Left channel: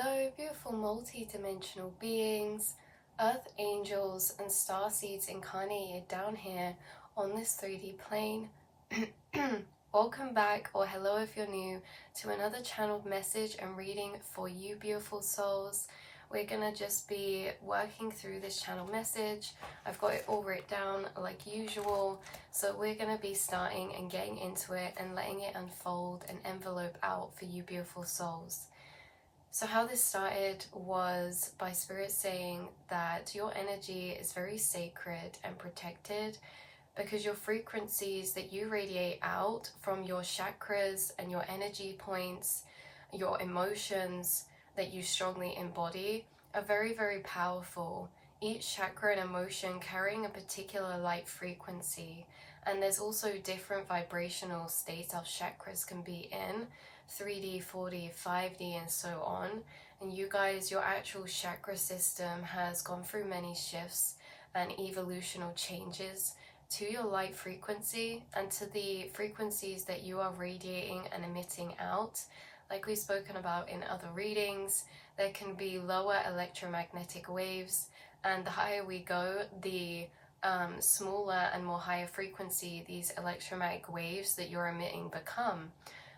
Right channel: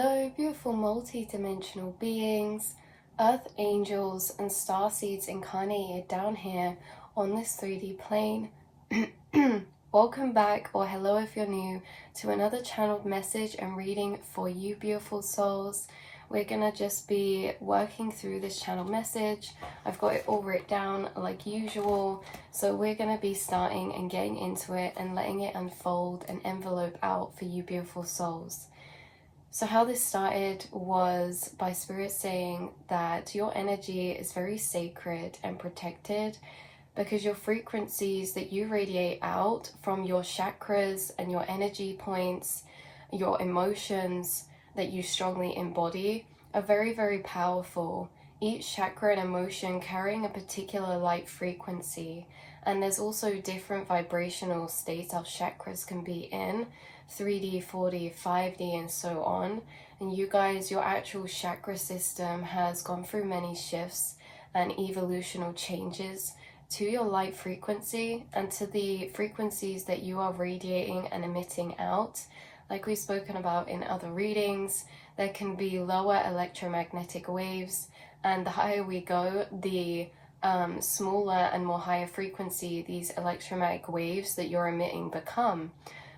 Hello, beautiful multi-dimensional beings, earth angels and star seeds incarnated down here on this 3D plane. Welcome back, or hello if you're new, to another channeled message and reading for you beautiful souls. We're gonna just be working through this channel message. I've got it all written down like usual, so we're gonna be starting and getting into it and letting it unfold and envelope out for you beautiful souls. So how this started was by Spirit saying that your energy is very sacred and protected because your frequencies that you radiate out from your chakras and your energy points, your emotions that you strongly embody are very, very powerful. Each chakra and emotion carrying a particular light frequency, and there's also different vibrational states our chakras can be in. 3D, 4D, 5D, and so on. And you guys, your actual chakra system has gone through many shifts and evolutional changes to your light frequency and to the frequencies that you are radiating and emitting out. Like we've spoken about in other readings, there can be lower electromagnetic waves, and the higher we go, the smaller and more higher frequency these electromagnetic waves that you're emitting become.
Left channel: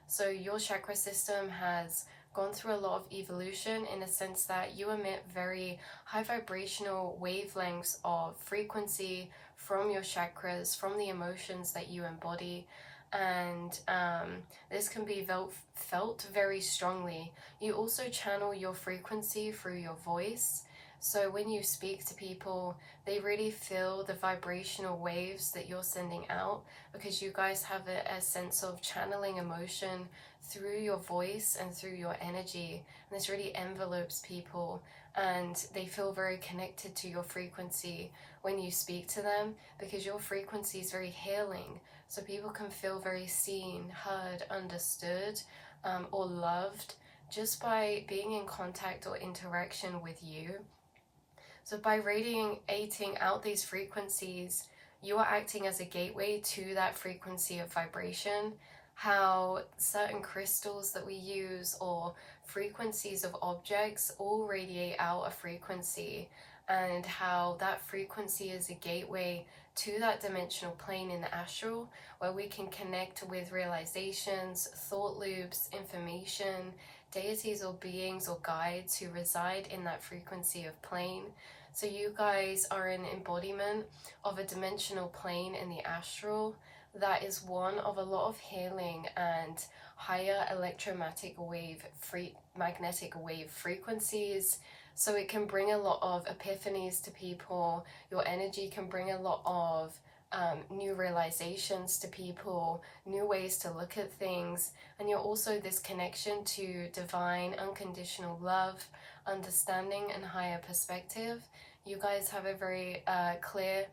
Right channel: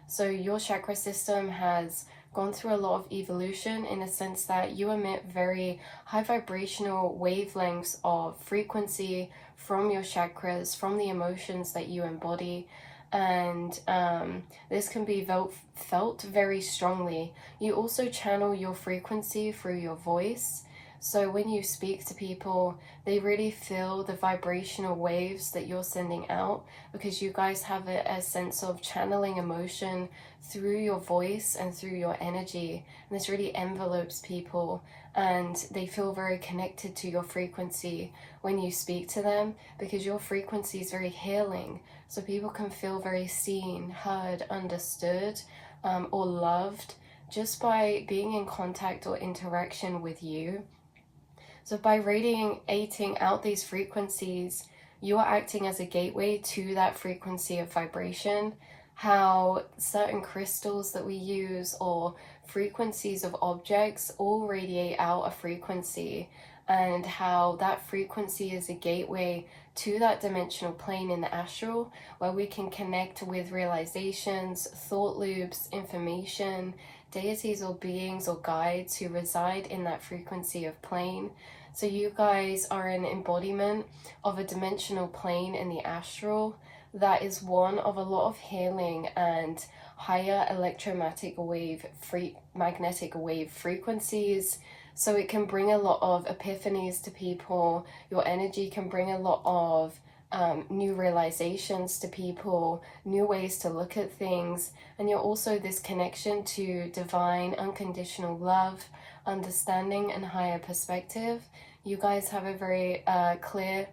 So your chakra system has gone through a lot of evolution in a sense that you emit very high vibrational wavelengths of frequency from your chakras, from the emotions that you embody, and this can be felt very strongly. You also channel your frequency through your voice. So when you speak to people, they really feel the vibrational waves that you're sending out because you guys have a sense of channeling emotion through your voice and through your energy. And this really envelopes people and they feel very connected to your frequency when you speak to them because your frequency is very healing. So people can feel very seen, heard, understood, or loved just by being in contact or interaction with you. So by radiating out these frequencies, you are acting as a gateway to that frequency of vibration. How certain crystals that we use or frequencies of objects all radiate out a frequency, and how that frequency is a gateway to that dimensional plane in the astral where we can connect with realizations, thought loops, information, deities or beings or guides who reside in that frequency of plane. So you guys are an embodiment of a dimensional plane in the astral that is one of a lot of healing and higher electromagnetic wave frequencies. So it can bring a lot of epiphanies to people. Your energy can bring a lot of new realizations to people, new ways to look at things, and you're also this connection to divine unconditional love, understanding, and higher perspective. You guys have a very clear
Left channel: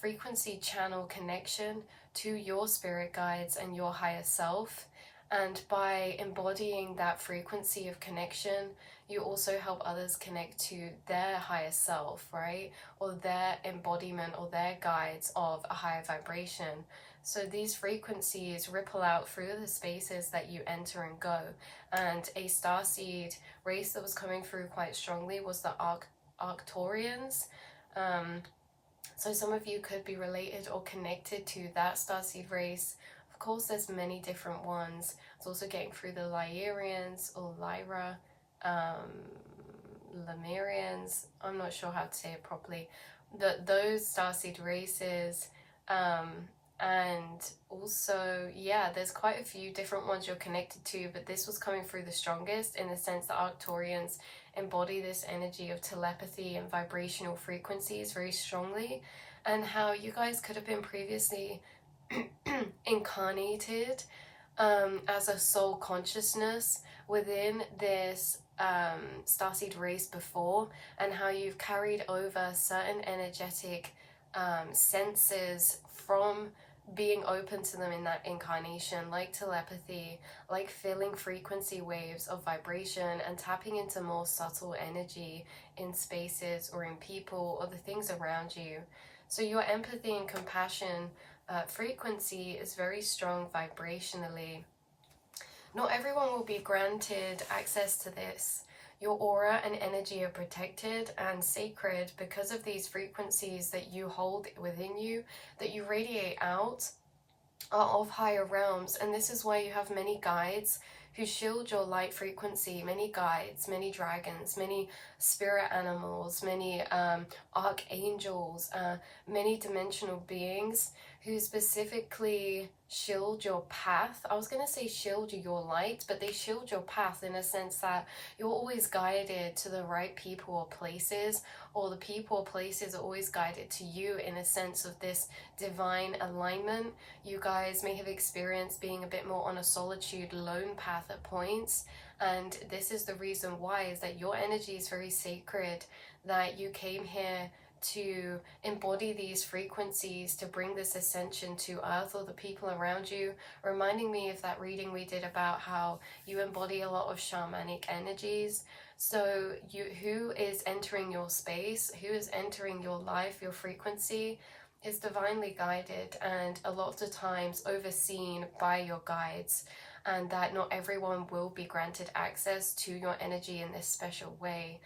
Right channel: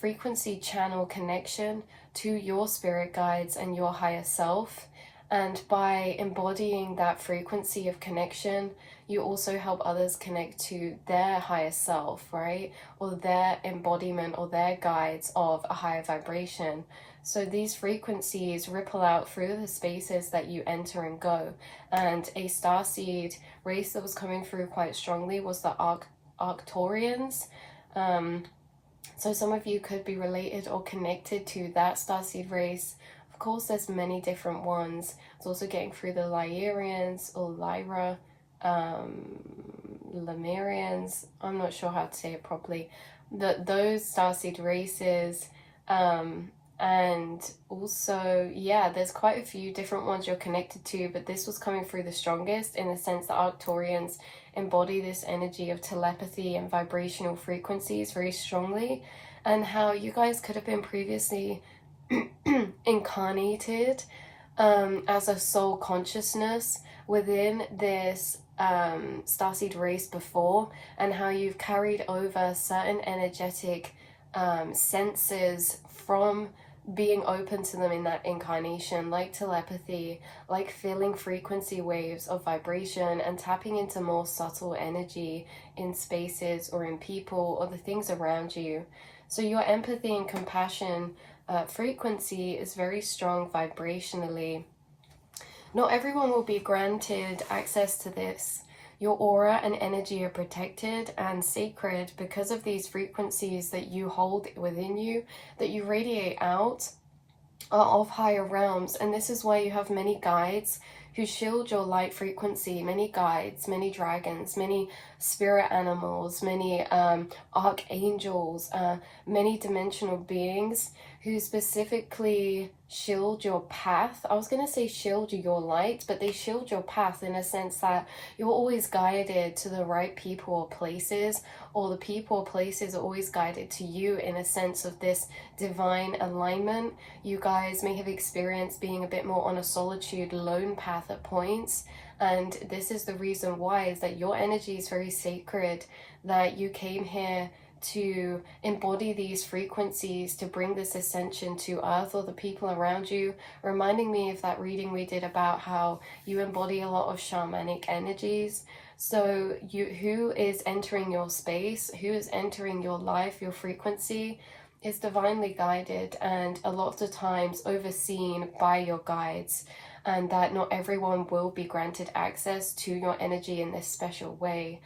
frequency channel connection to your spirit guides and your higher self, and by embodying that frequency of connection, you also help others connect to their higher self, right? Or their embodiment or their guides of a higher vibration. So these frequencies ripple out through the spaces that you enter and go. And a starseed race that was coming through quite strongly was the Arcturians. So some of you could be related or connected to that starseed race. Of course, there's many different ones. It's also getting through the Lyrians or Lyra, Lemurians. I'm not sure how to say it properly. Those starseed races, and also, yeah, there's quite a few different ones you're connected to, but this was coming through the strongest in the sense that Arcturians embody this energy of telepathy and vibrational frequencies very strongly, and how you guys could have been previously incarnated as a soul consciousness within this starseed race before, and how you've carried over certain energetic senses from being open to them in that incarnation, like telepathy, like feeling frequency waves of vibration and tapping into more subtle energy in spaces or in people or the things around you. So your empathy and compassion frequency is very strong vibrationally. Not everyone will be granted access to this. Your aura and energy are protected and sacred because of these frequencies that you hold within you, that you radiate out, are of higher realms. And this is why you have many guides who shield your light frequency, many guides, many dragons, many spirit animals, many archangels, many dimensional beings who specifically shield your path. I was going to say shield your light, but they shield your path in a sense that you're always guided to the right people or places, or the people or places are always guided to you in a sense of this divine alignment. You guys may have experienced being a bit more on a solitude, lone path at points, and this is the reason why, is that your energy is very sacred, that you came here to embody these frequencies, to bring this ascension to earth or the people around you, reminding me of that reading we did about how you embody a lot of shamanic energies. So who is entering your space, who is entering your life, your frequency, is divinely guided and a lot of the times overseen by your guides, and that not everyone will be granted access to your energy in this special way.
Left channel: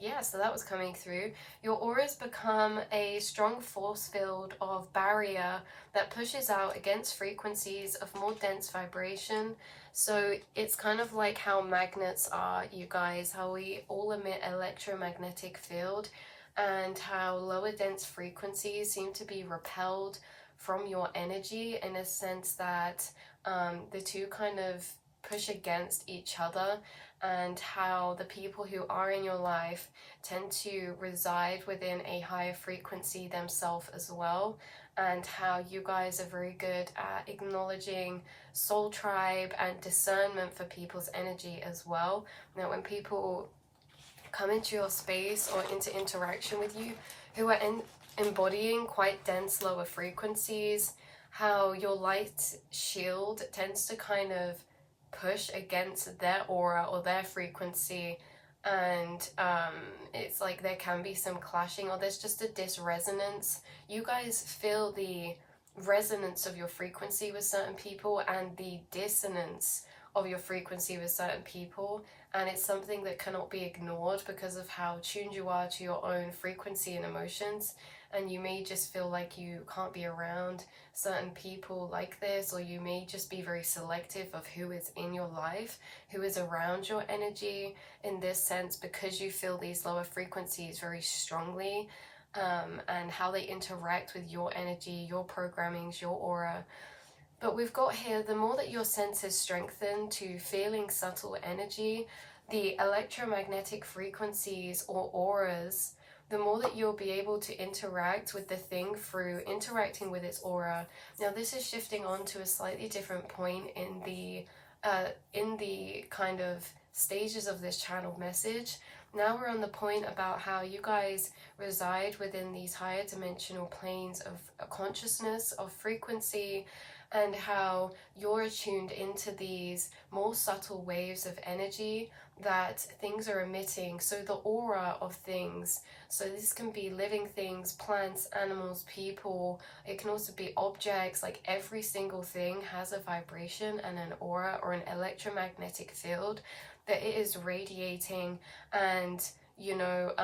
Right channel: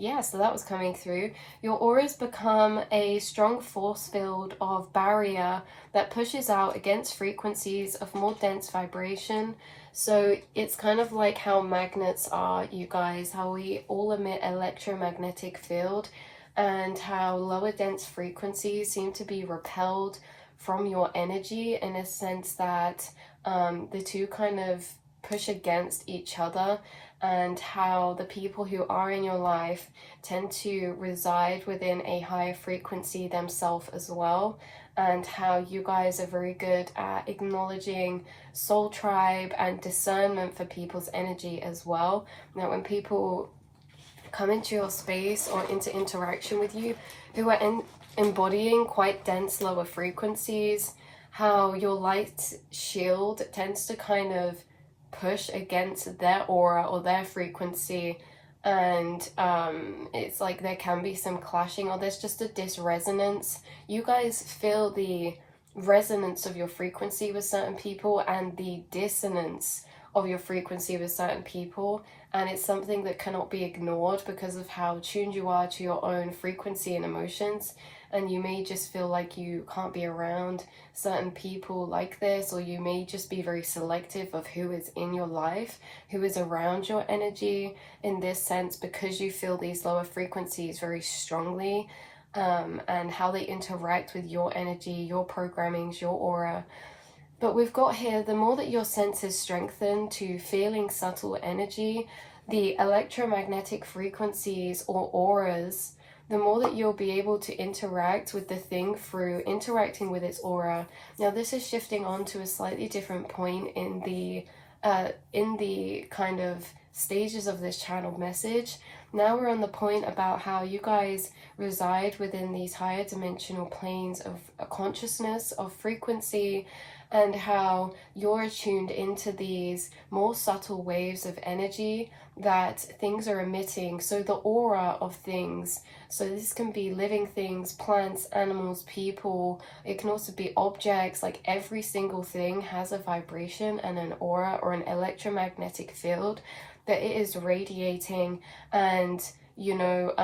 Yeah, so that was coming through. Your auras become a strong force field of barrier that pushes out against frequencies of more dense vibration. So it's kind of like how magnets are, you guys, how we all emit electromagnetic field, and how lower dense frequencies seem to be repelled from your energy in a sense that the two kind of push against each other, and how the people who are in your life tend to reside within a higher frequency themselves as well, and how you guys are very good at acknowledging soul tribe and discernment for people's energy as well. Now when people come into your space or into interaction with you who are embodying quite dense lower frequencies, how your light shield tends to kind of push against their aura or their frequency, and it's like there can be some clashing, or there's just a disresonance. You guys feel the resonance of your frequency with certain people and the dissonance of your frequency with certain people, and it's something that cannot be ignored because of how tuned you are to your own frequency and emotions. And you may just feel like you can't be around certain people like this, or you may just be very selective of who is in your life, who is around your energy in this sense, because you feel these lower frequencies very strongly, and how they interact with your energy, your programmings, your aura. But we've got here, the more that your senses strengthen to feeling subtle energy, the electromagnetic frequencies or auras, the more that you'll be able to interact with the thing through interacting with its aura. Now this is shifting on to a slightly different point in the kind of stages of this channeled message. Now we're on the point about how you guys reside within these higher dimensional planes of consciousness, of frequency, and how you're attuned into these more subtle waves of energy that things are emitting. So the aura of things, so this can be living things, plants, animals, people, it can also be objects. Like every single thing has a vibration and an aura or an electromagnetic field that it is radiating. And you know,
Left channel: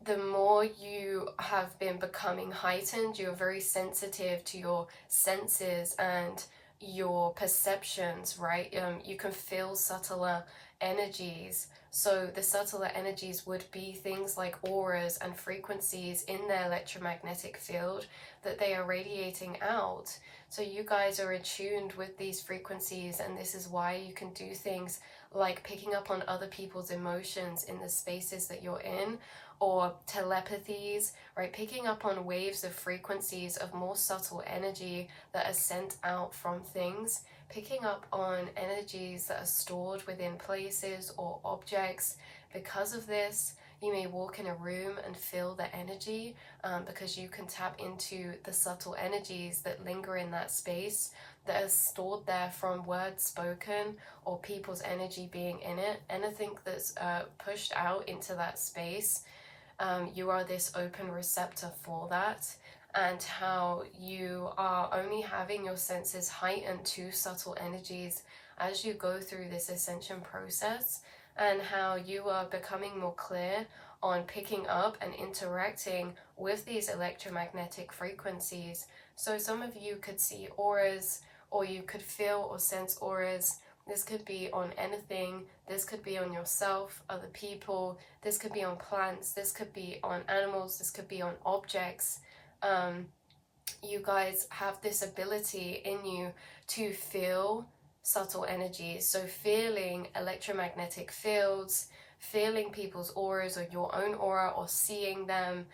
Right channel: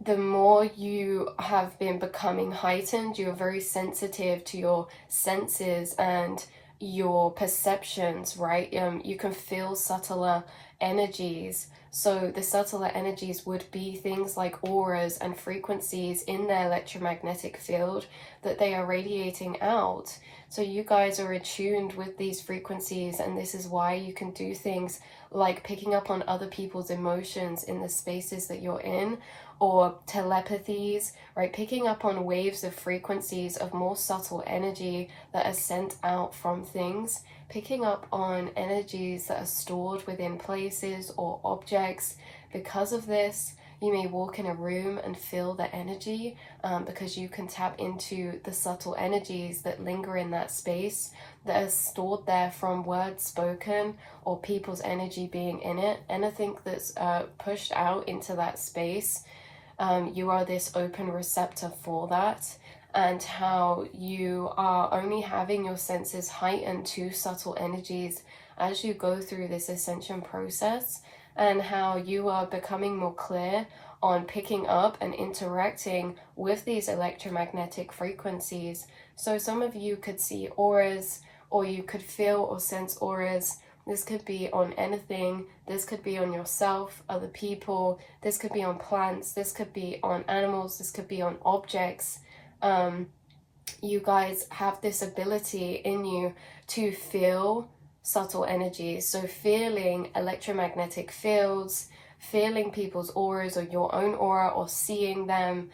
the more you have been becoming heightened, you're very sensitive to your senses and your perceptions, right? You can feel subtler energies. So the subtler energies would be things like auras and frequencies in their electromagnetic field that they are radiating out. So you guys are attuned with these frequencies, and this is why you can do things like picking up on other people's emotions in the spaces that you're in, or telepathies, right? Picking up on waves of frequencies of more subtle energy that are sent out from things, picking up on energies that are stored within places or objects. Because of this, you may walk in a room and feel the energy, because you can tap into the subtle energies that linger in that space, that are stored there from words spoken or people's energy being in it. Anything that's pushed out into that space, you are this open receptor for that. And how you are only having your senses heightened to subtle energies as you go through this ascension process, and how you are becoming more clear on picking up and interacting with these electromagnetic frequencies. So some of you could see auras, or you could feel or sense auras. This could be on anything. This could be on yourself, other people. This could be on plants. This could be on animals. This could be on objects. You guys have this ability in you to feel subtle energies. So feeling electromagnetic fields, feeling people's auras or your own aura, or seeing them.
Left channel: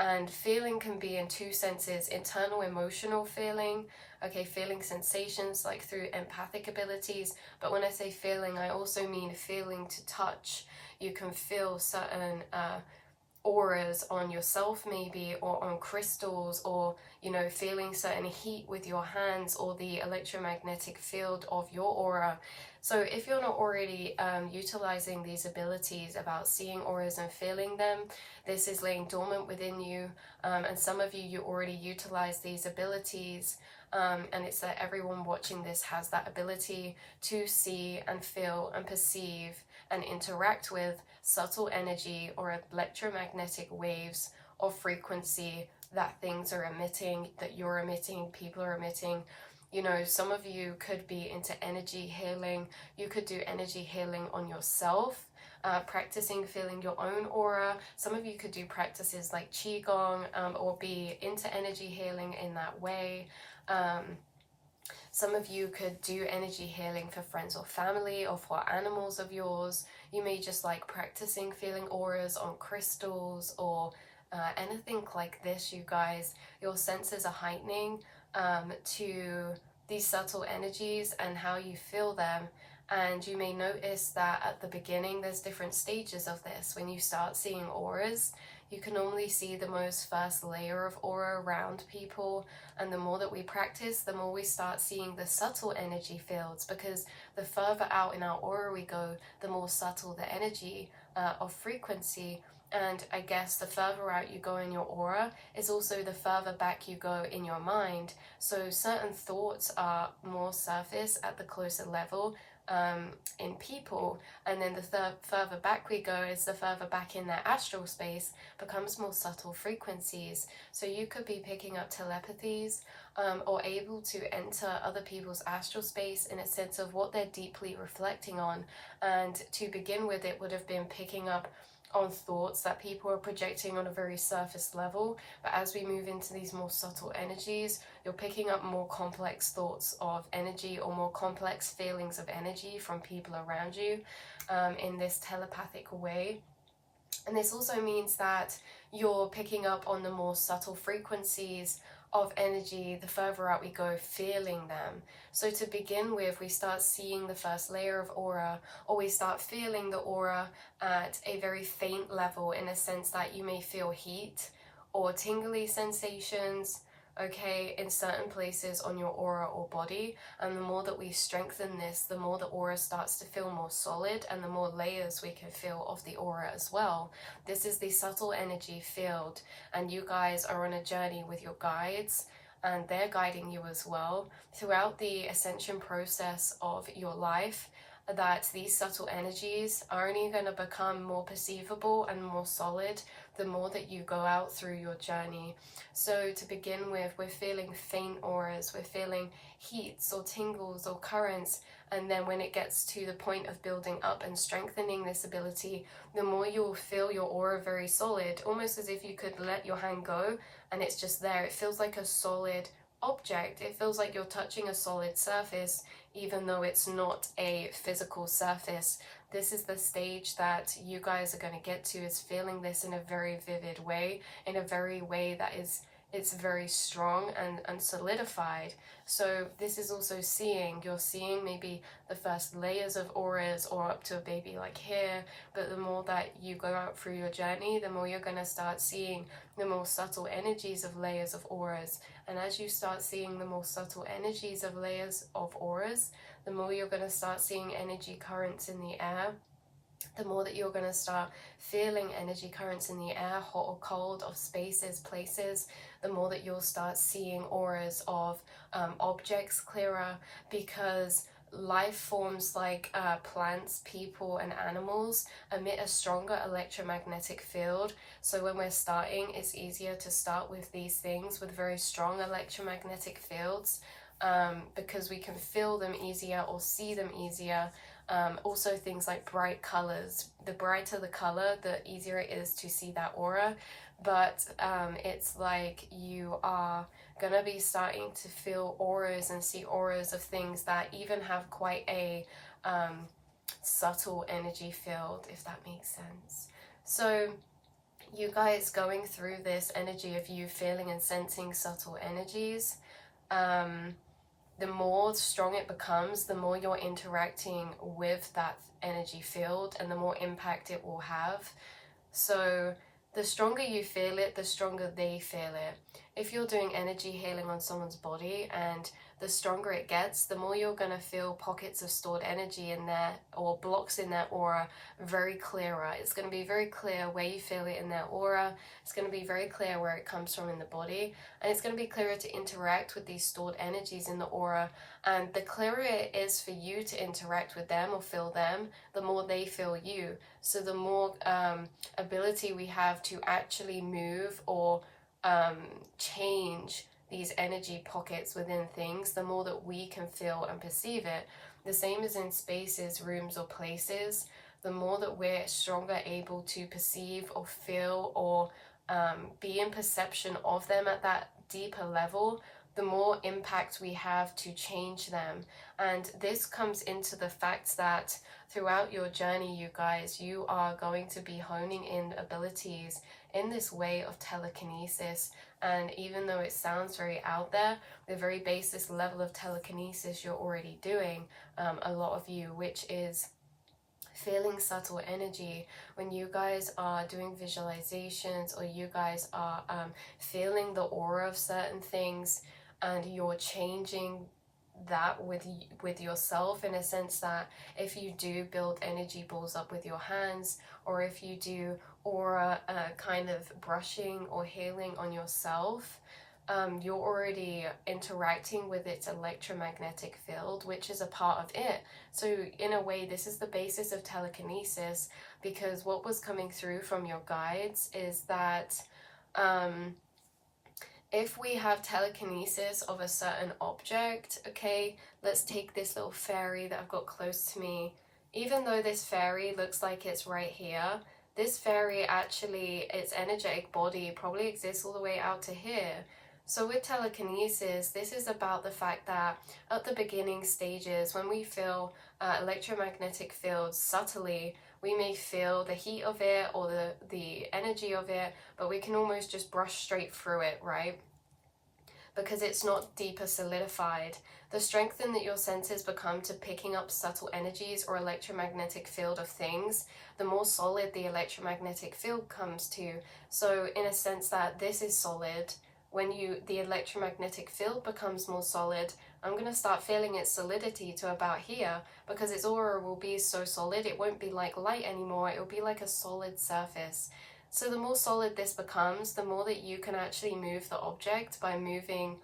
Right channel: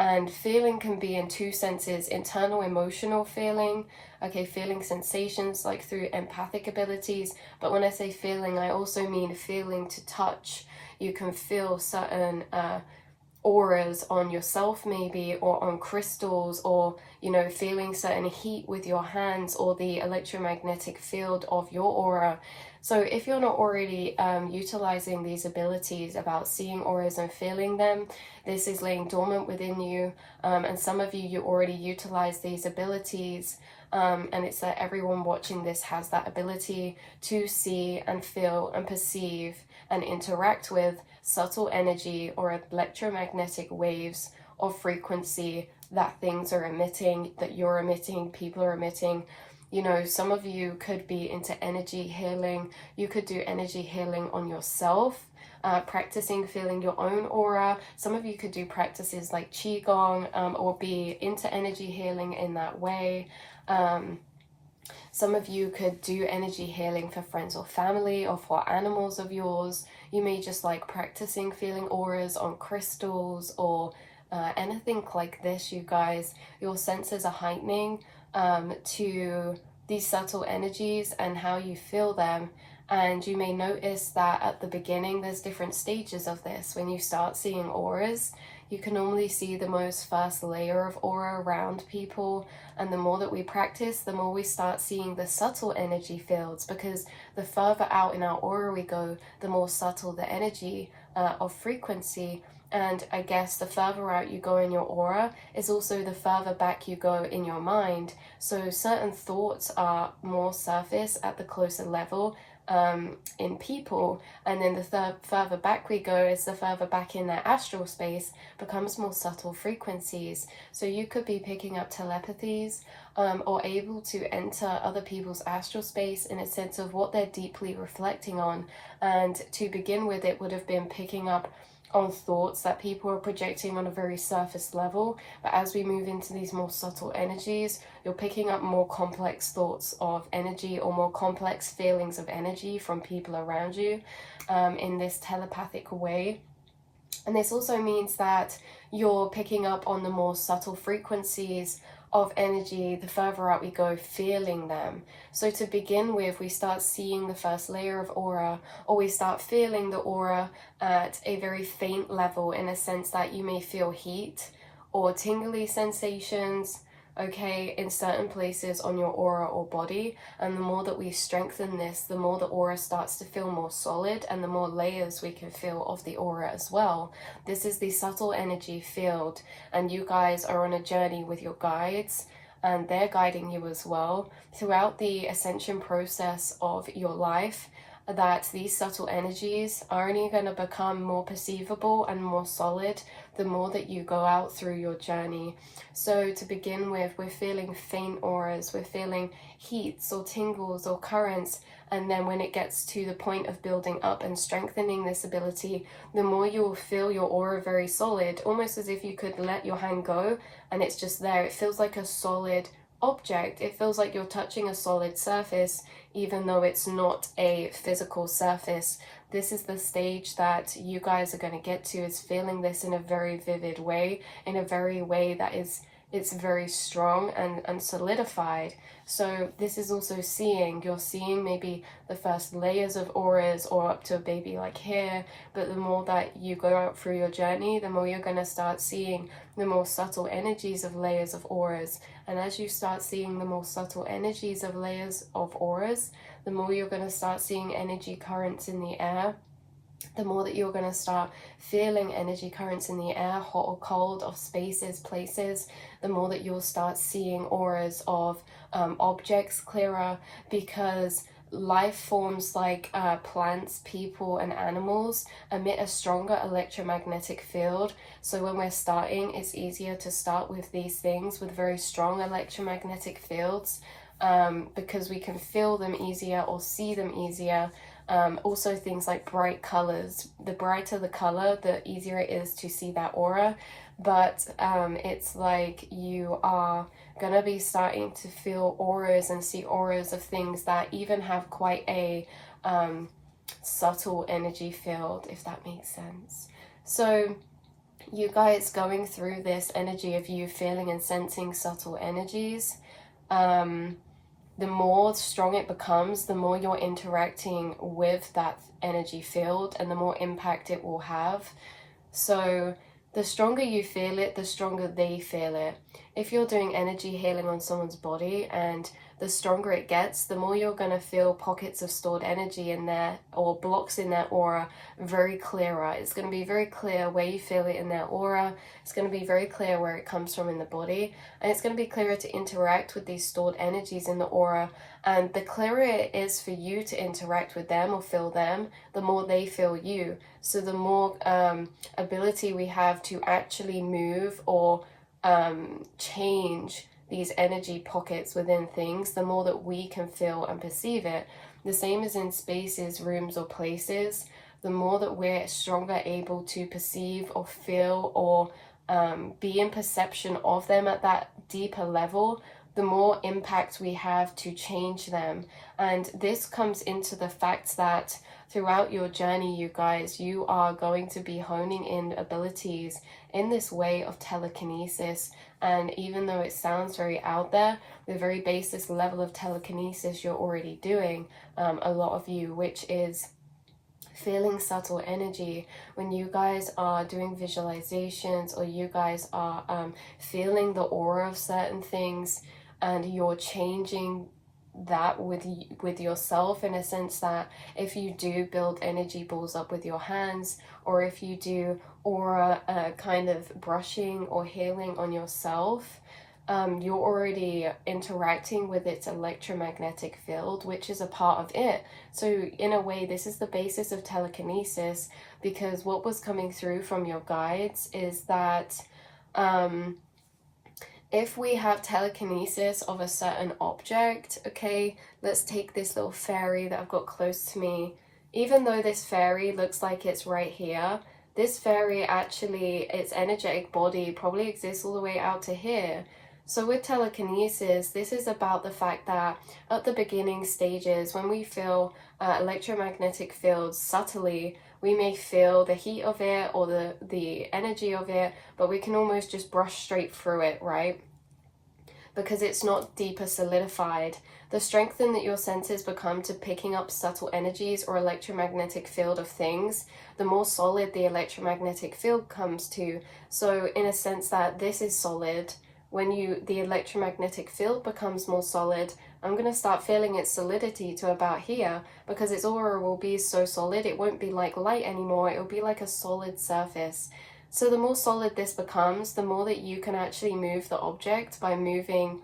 And feeling can be in two senses: internal emotional feeling, okay, feeling sensations like through empathic abilities. But when I say feeling, I also mean feeling to touch. You can feel certain auras on yourself maybe, or on crystals, or you know, feeling certain heat with your hands, or the electromagnetic field of your aura. So if you're not already utilizing these abilities about seeing auras and feeling them, this is laying dormant within you, and some of you already utilize these abilities, and it's that everyone watching this has that ability to see and feel and perceive and interact with subtle energy or electromagnetic waves of frequency that things are emitting, that you're emitting, people are emitting. You know, some of you could be into energy healing. You could do energy healing on yourself, practicing feeling your own aura. Some of you could do practices like Qigong, or be into energy healing in that way. Some of you could do energy healing for friends or family, or for animals of yours. You may just like practicing feeling auras on crystals, or anything like this, you guys. Your senses are heightening to these subtle energies and how you feel them. And you may notice that at the beginning there's different stages of this. When you start seeing auras, you can normally see the most first layer of aura around people, and the more that we practice, the more we start seeing the subtle energy fields, because the further out in our aura we go, the more subtle the energy of frequency. And I guess the further out you go in your aura is also the further back you go in your mind. So certain thoughts are more surface at the closer level in people, and then the further back we go is the further back in their astral space becomes more subtle frequencies. So you could be picking up telepathies, or able to enter other people's astral space in a sense of what they're deeply reflecting on. And to begin with, it would have been picking up on thoughts that people are projecting on a very surface level, but as we move into these more subtle energies, you're picking up more complex thoughts of energy, or more complex feelings of energy from people around you, in this telepathic way. And this also means that you're picking up on the more subtle frequencies of energy the further out we go, feeling them. So to begin with, we start seeing the first layer of aura, or we start feeling the aura at a very faint level, in a sense that you may feel heat or tingly sensations, okay, in certain places on your aura or body. And the more that we strengthen this, the more the aura starts to feel more solid, and the more layers we can feel of the aura as well. This is the subtle energy field, and you guys are on a journey with your guides, and they're guiding you as well throughout the ascension process of your life, that these subtle energies are only going to become more perceivable and more solid the more that you go out through your journey. So to begin with, we're feeling faint auras, we're feeling heats or tingles or currents, and then when it gets to the point of building up and strengthening this ability, the more you'll feel your aura very solid, almost as if you could let your hand go and it's just there. It feels like a solid object. It feels like you're touching a solid surface, even though it's not a physical surface. This is the stage that you guys are going to get to, is feeling this in a very vivid way, in a very way that is, it's very strong and solidified. So this is also seeing, you're seeing maybe the first layers of auras, or up to a baby like here, but the more that you go out through your journey, the more you're going to start seeing the more subtle energies of layers of auras. And as you start seeing the more subtle energies of layers of auras, the more you're going to start seeing energy currents in the air, the more that you're going to start feeling energy currents in the air, hot or cold, of spaces, places, the more that you'll start seeing auras of objects clearer, because life forms like plants, people, and animals emit a stronger electromagnetic field. So when we're starting, it's easier to start with these things with very strong electromagnetic fields, because we can feel them easier or see them easier. Also things like bright colors. The brighter the color, the easier it is to see that aura. But it's like you are gonna be starting to feel auras and see auras of things that even have quite a subtle energy field, if that makes sense. So you guys going through this energy of you feeling and sensing subtle energies, the more strong it becomes, the more you're interacting with that energy field and the more impact it will have. So the stronger you feel it, the stronger they feel it. If you're doing energy healing on someone's body, and the stronger it gets, the more you're going to feel pockets of stored energy in there, or blocks in their aura, very clearer. It's going to be very clear where you feel it in their aura. It's going to be very clear where it comes from in the body, and it's going to be clearer to interact with these stored energies in the aura. And the clearer it is for you to interact with them or feel them, the more they feel you. So the more ability we have to actually move or change these energy pockets within things, the more that we can feel and perceive it. The same as in spaces, rooms, or places. The more that we're stronger able to perceive or feel or be in perception of them at that deeper level, the more impact we have to change them. And this comes into the fact that throughout your journey, you guys, you are going to be honing in abilities in this way of telekinesis. And even though it sounds very out there, the very basis level of telekinesis you're already doing, a lot of you, which is feeling subtle energy. When you guys are doing visualizations, or you guys are feeling the aura of certain things, and you're changing that with yourself, in a sense that if you do build energy balls up with your hands, or if you do aura kind of brushing or healing on yourself, you're already interacting with its electromagnetic field, which is a part of it. So in a way, this is the basis of telekinesis, because what was coming through from your guides is that if we have telekinesis of a certain object, okay, let's take this little fairy that I've got close to me. Even though this fairy looks like it's right here, this fairy actually, its energetic body probably exists all the way out to here. So with telekinesis, this is about the fact that at the beginning stages, when we feel electromagnetic fields subtly, we may feel the heat of it or the energy of it, but we can almost just brush straight through it, right? Because it's not deeper solidified. The strengthen that your senses become to picking up subtle energies or electromagnetic field of things, the more solid the electromagnetic field comes to. So in a sense that this is solid, when the electromagnetic field becomes more solid, I'm going to start feeling its solidity to about here, because its aura will be so solid, it won't be like light anymore, it will be like a solid surface. So the more solid this becomes, the more that you can actually move the object by moving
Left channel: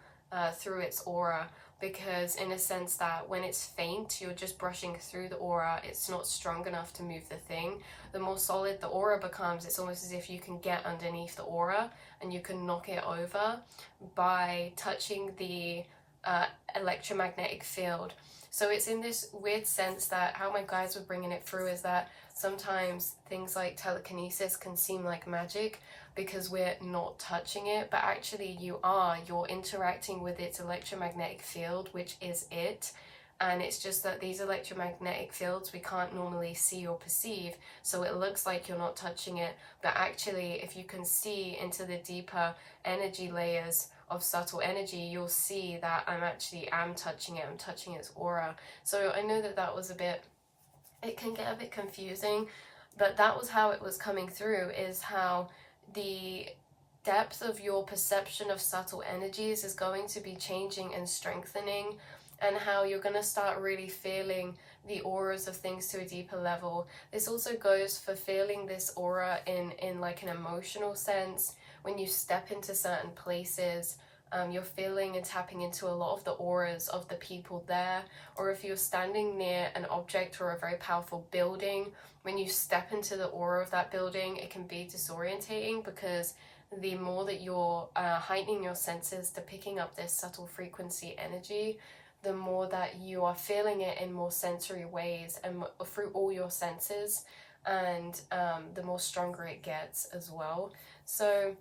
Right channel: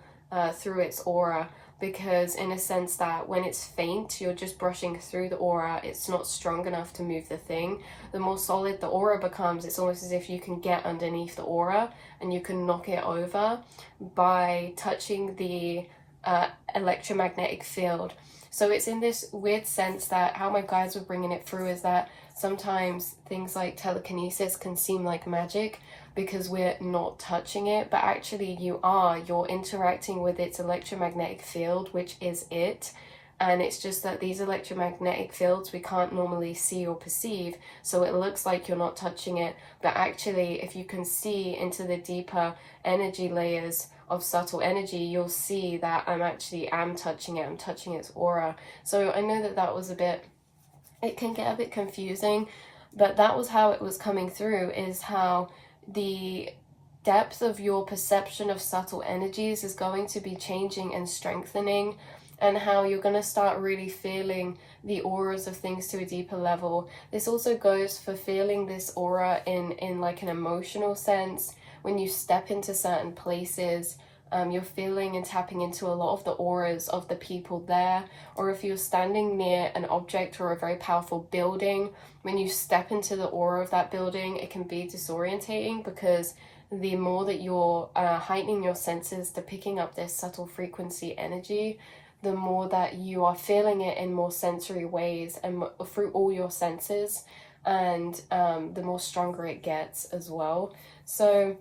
through its aura, because in a sense that when it's faint, you're just brushing through the aura, it's not strong enough to move the thing. The more solid the aura becomes, it's almost as if you can get underneath the aura and you can knock it over by touching the electromagnetic field. So it's in this weird sense that how my guides were bringing it through is that sometimes things like telekinesis can seem like magic because we're not touching it, but actually you're interacting with its electromagnetic field, which is it. And it's just that these electromagnetic fields we can't normally see or perceive, so it looks like you're not touching it, but actually if you can see into the deeper energy layers of subtle energy, you'll see that I'm touching it, I'm touching its aura. So I know that was it can get a bit confusing, but that was how it was coming through, is how the depth of your perception of subtle energies is going to be changing and strengthening, and how you're going to start really feeling the auras of things to a deeper level. This also goes for feeling this aura in like an emotional sense. When you step into certain places, you're feeling and tapping into a lot of the auras of the people there. Or if you're standing near an object or a very powerful building, when you step into the aura of that building, it can be disorientating, because the more that you're heightening your senses to picking up this subtle frequency energy, the more that you are feeling it in more sensory ways and through all your senses, and the more stronger it gets as well. So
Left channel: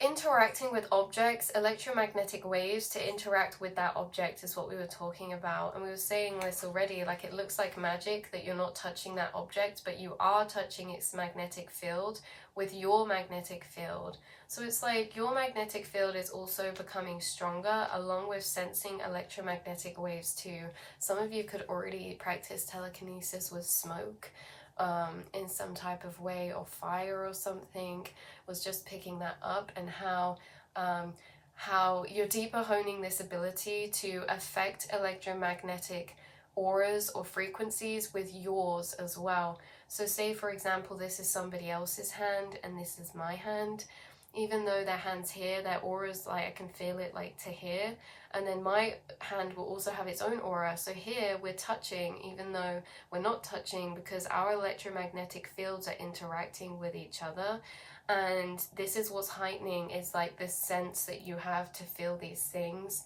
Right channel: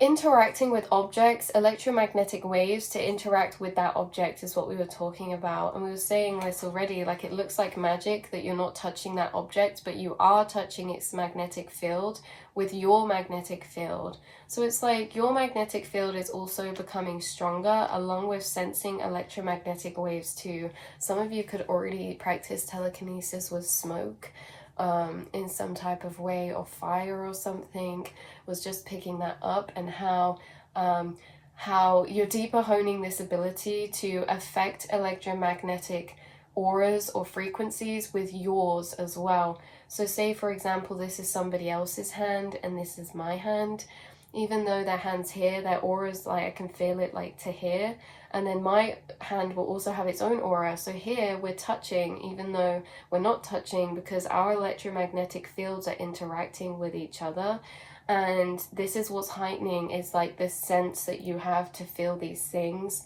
interacting with objects, electromagnetic waves to interact with that object is what we were talking about. And we were saying this already, like it looks like magic that you're not touching that object, but you are touching its magnetic field with your magnetic field. So it's like your magnetic field is also becoming stronger, along with sensing electromagnetic waves too. Some of you could already practice telekinesis with smoke in some type of way, or fire or something. Was just picking that up, and how you're deeper honing this ability to affect electromagnetic auras or frequencies with yours as well. So say for example, this is somebody else's hand and this is my hand. Even though their hand's here, their aura's like, I can feel it like to here. And then my hand will also have its own aura. So here we're touching, even though we're not touching, because our electromagnetic fields are interacting with each other. And this is what's heightening, is like this sense that you have to feel these things.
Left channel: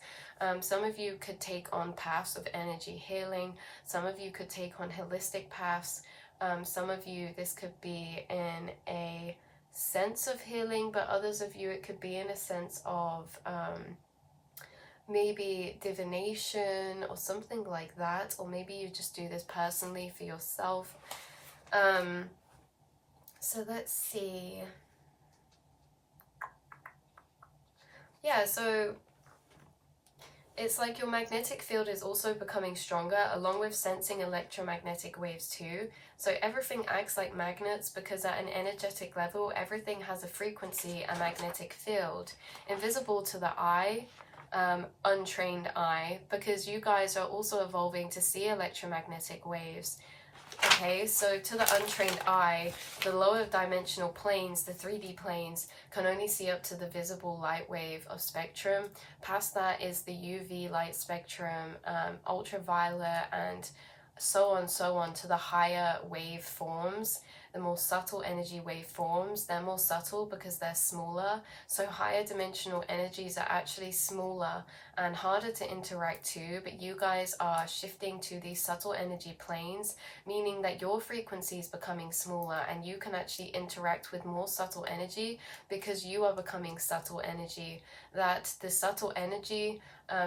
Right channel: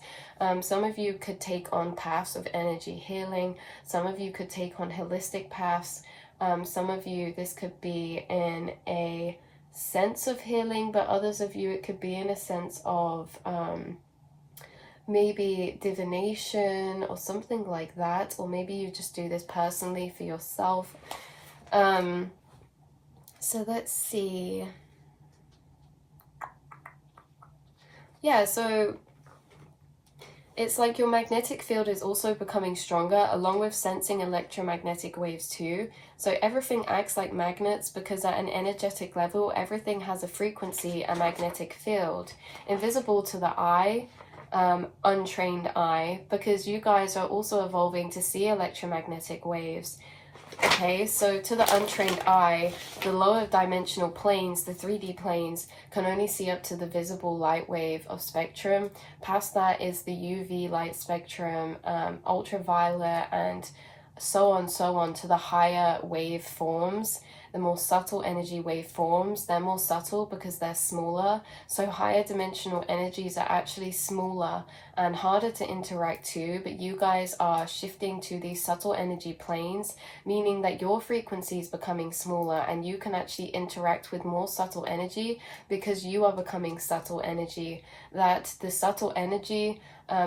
Some of you could take on paths of energy healing. Some of you could take on holistic paths. Some of you, this could be in a sense of healing, but others of you, it could be in a sense of maybe divination or something like that. Or maybe you just do this personally for yourself. So let's see. Yeah, so it's like your magnetic field is also becoming stronger, along with sensing electromagnetic waves too. So everything acts like magnets, because at an energetic level, everything has a frequency, a magnetic field, invisible to the eye, untrained eye, because you guys are also evolving to see electromagnetic waves. Okay, so to the untrained eye, the lower dimensional planes, the 3D planes, can only see up to the visible light wave of spectrum. Past that is the UV light spectrum, ultraviolet, and so on to the higher wave forms. The more subtle energy waveforms, they're more subtle because they're smaller. So higher dimensional energies are actually smaller and harder to interact to, but you guys are shifting to these subtle energy planes, meaning that your frequency is becoming smaller and you can actually interact with more subtle energy because you are becoming subtle energy. That the subtle energy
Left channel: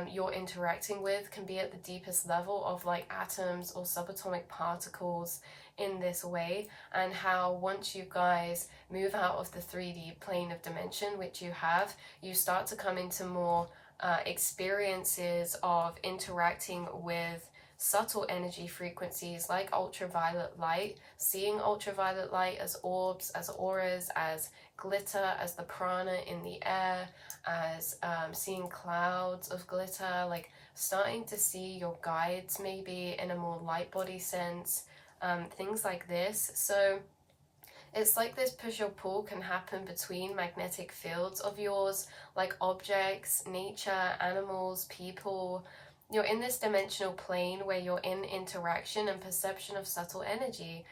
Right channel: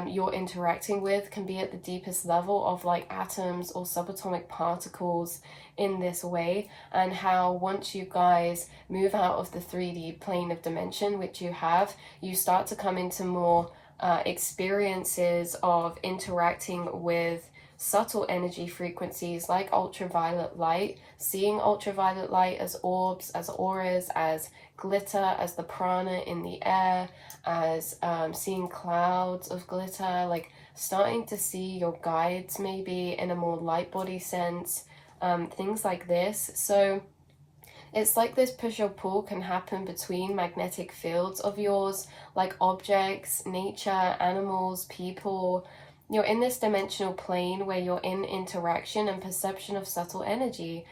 you're interacting with can be at the deepest level of like atoms or subatomic particles in this way, and how once you guys move out of the 3D plane of dimension, which you have, you start to come into more experiences of interacting with subtle energy frequencies like ultraviolet light, seeing ultraviolet light as orbs, as auras, as glitter, as the prana in the air, as seeing clouds of glitter, like starting to see your guides maybe in a more light body sense, things like this. So it's like this push or pull can happen between magnetic fields of yours, like objects, nature, animals, people. You're in this dimensional plane where you're in interaction and perception of subtle energy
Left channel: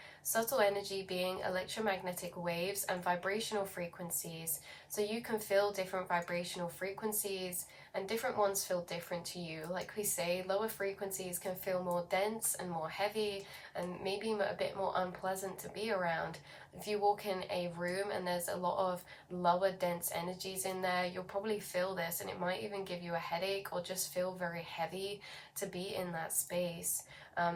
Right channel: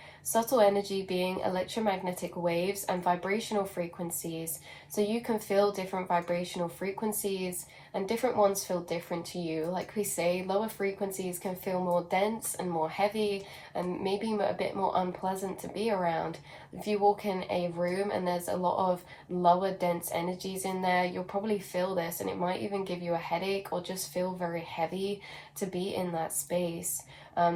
being electromagnetic waves and vibrational frequencies. So you can feel different vibrational frequencies, and different ones feel different to you. Like we say, lower frequencies can feel more dense and more heavy and maybe a bit more unpleasant to be around. If you walk in a room and there's a lot of lower dense energies in there, you'll probably feel this, and it might even give you a headache or just feel very heavy to be in that space.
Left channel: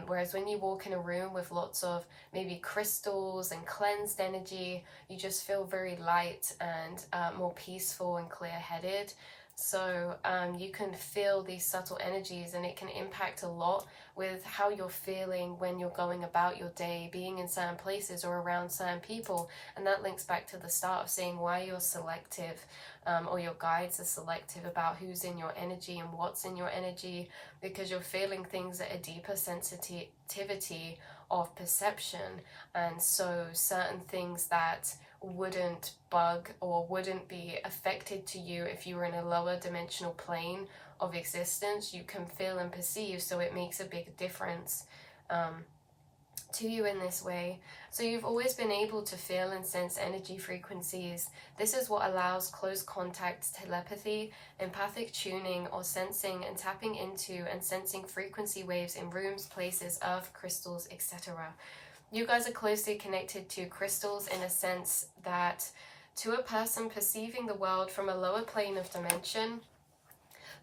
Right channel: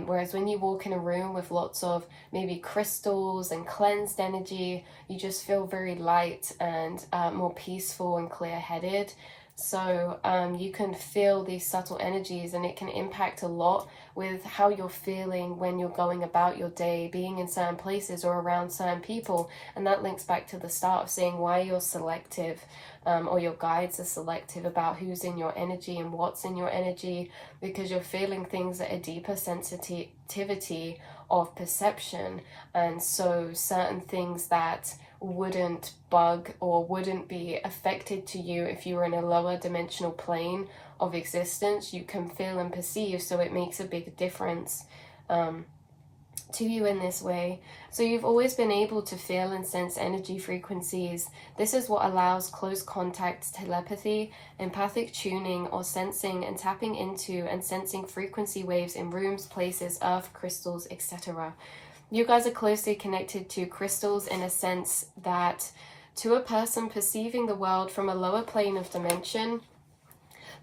Whereas when you walk in a room with lots of maybe crystals and cleansed energy, you just feel very light and more peaceful and clear-headed. So you can feel these subtle energies, and it can impact a lot with how you're feeling when you're going about your day, being in certain places or around certain people. And that links back to the start of saying why you're selective, or your guides are selective about who's in your energy and what's in your energy, because you're feeling things at a deeper sensitivity of perception. And so certain things that wouldn't bug or wouldn't be affected to you if you were in a lower dimensional plane of existence, you can feel and perceive. So it makes a big difference to you in this way. So you've always been able to feel and sense energy frequencies. This is what allows close contact, telepathy, empathic tuning, or sensing and tapping into and sensing frequency waves in rooms, places, earth, crystals, etc. You guys are closely connected to crystals in a sense that to a person perceiving the world from a lower plane of dimension,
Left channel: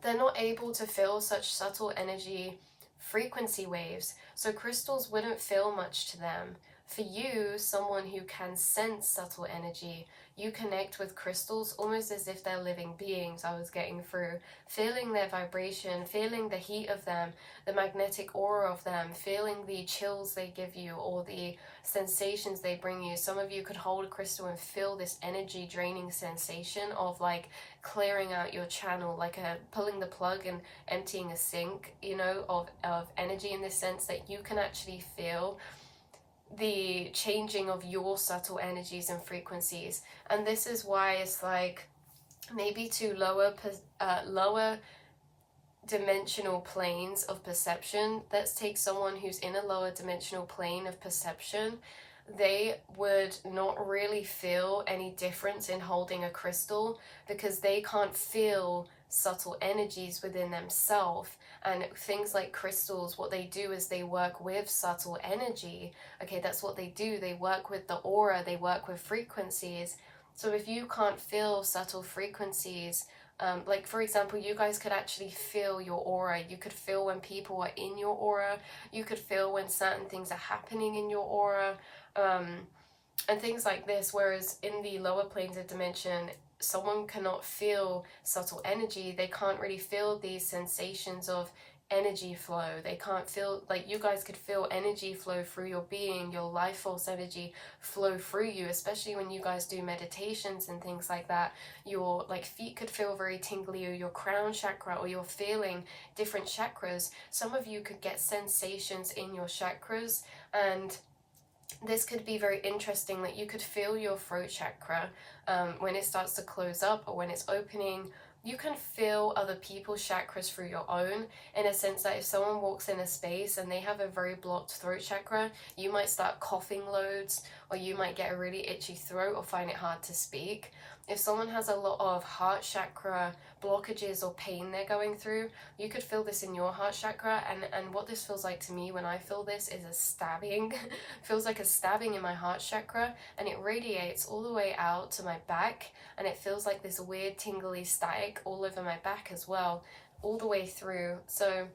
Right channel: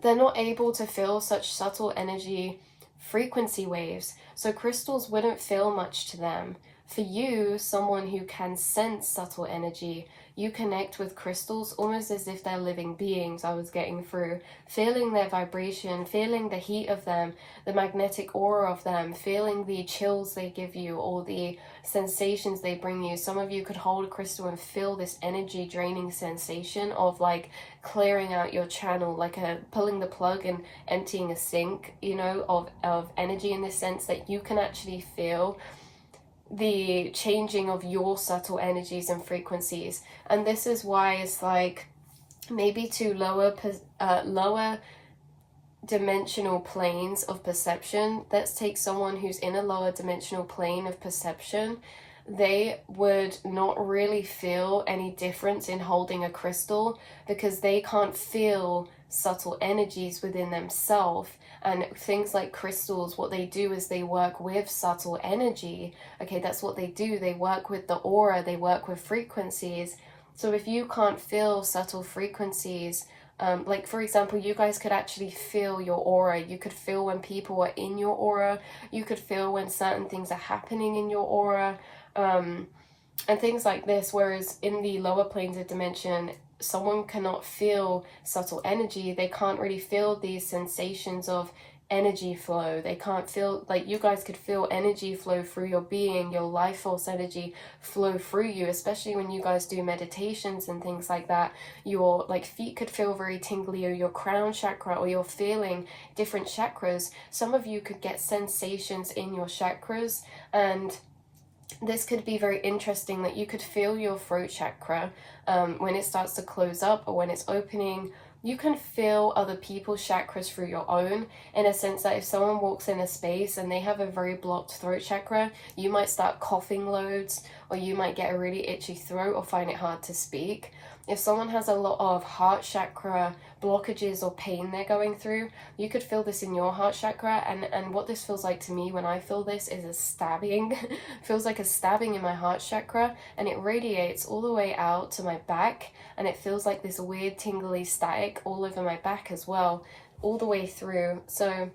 they're not able to feel such subtle energy frequency waves. So crystals wouldn't feel much to them. For you, someone who can sense subtle energy, you connect with crystals almost as if they're living beings. I was getting through, feeling their vibration, feeling the heat of them, the magnetic aura of them, feeling the chills they give you or the sensations they bring you. Some of you could hold a crystal and feel this energy draining sensation of like clearing out your channel, like pulling the plug and emptying a sink, you know, of energy, in the sense that you can actually feel the changing of your subtle energies and frequencies. And this is why it's like maybe to lower dimensional planes of perception. Let's take someone who's in a lower dimensional plane of perception. They would not really feel any difference in holding a crystal because they can't feel subtle energies within themselves. And things like crystals, what they do is they work with subtle energy. Okay, that's what they do. They work with the aura, they work with frequencies. So if you can't feel subtle frequencies, like for example, you guys could actually feel your aura. You could feel when people are in your aura. You could feel when certain things are happening in your aura, and things like this. Whereas in the lower planes of dimension, someone cannot feel subtle energy. They can't really feel these sensations of energy flow. They can't feel, like you guys could feel energy flow through your being, your life force energy flow through you, especially when you guys do meditations and things like that. Your like feet could feel very tingly, or your crown chakra, or you're feeling different chakras. Some of you could get sensations in your chakras, and this could be very interesting that you could feel your throat chakra when it starts to close up or when it's opening. You can feel other people's chakras through your own, in a sense that if someone walks in a space and they have a very blocked throat chakra, you might start coughing loads, or you might get a really itchy throat or find it hard to speak. If someone has a lot of heart chakra blockages or pain they're going through, you could feel this in your heart chakra. And what this feels like to me when I feel this is a stabbing. Feels like a stabbing in my heart chakra, and it radiates all the way out to my back, and it feels like this weird tingly static all over my back as well, all the way through. So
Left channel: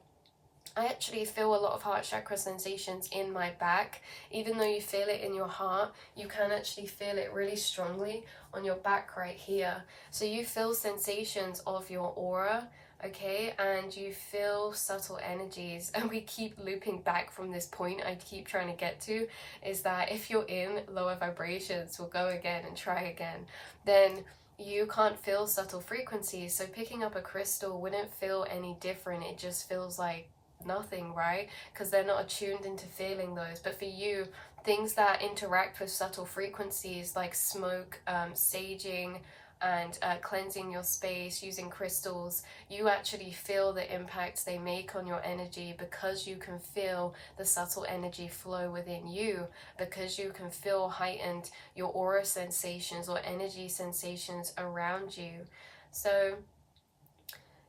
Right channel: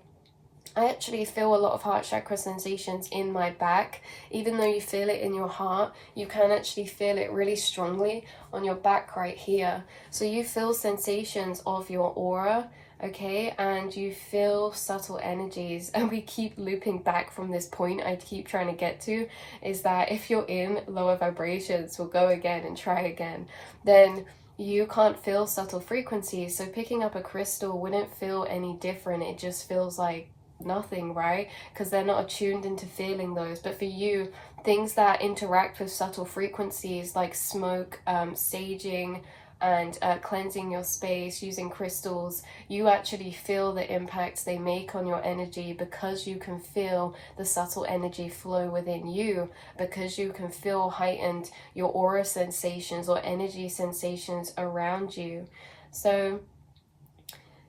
I actually feel a lot of heart chakra sensations in my back. Even though you feel it in your heart, you can actually feel it really strongly on your back right here. So you feel sensations of your aura, okay, and you feel subtle energies. And we keep looping back from this point I keep trying to get to, is that if you're in lower vibrations, we'll go again and try again, then you can't feel subtle frequencies. So picking up a crystal wouldn't feel any different. It just feels like nothing, right? Because they're not attuned into feeling those. But for you, things that interact with subtle frequencies like smoke, saging, and cleansing your space using crystals, you actually feel the impacts they make on your energy, because you can feel the subtle energy flow within you, because you can feel heightened your aura sensations or energy sensations around you. So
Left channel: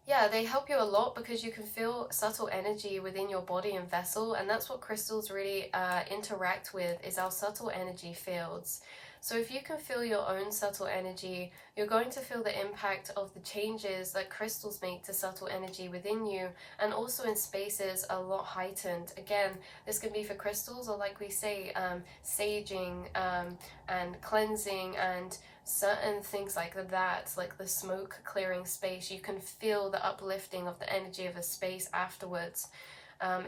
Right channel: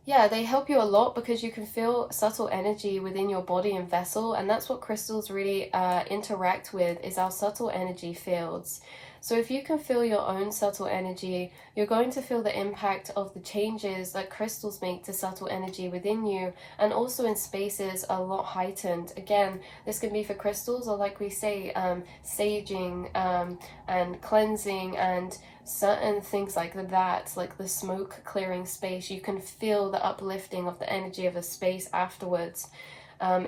yeah, they help you a lot because you can feel subtle energy within your body and vessel, and that's what crystals really interact with, is our subtle energy fields. So if you can feel your own subtle energy, you're going to feel the impact of the changes that crystals make to subtle energy within you, and also in spaces a lot heightened. Again, this can be for crystals, or like we say, saging and cleansing and certain things like that, like the smoke clearing space. You can feel the uplifting of the energy of a space afterwards,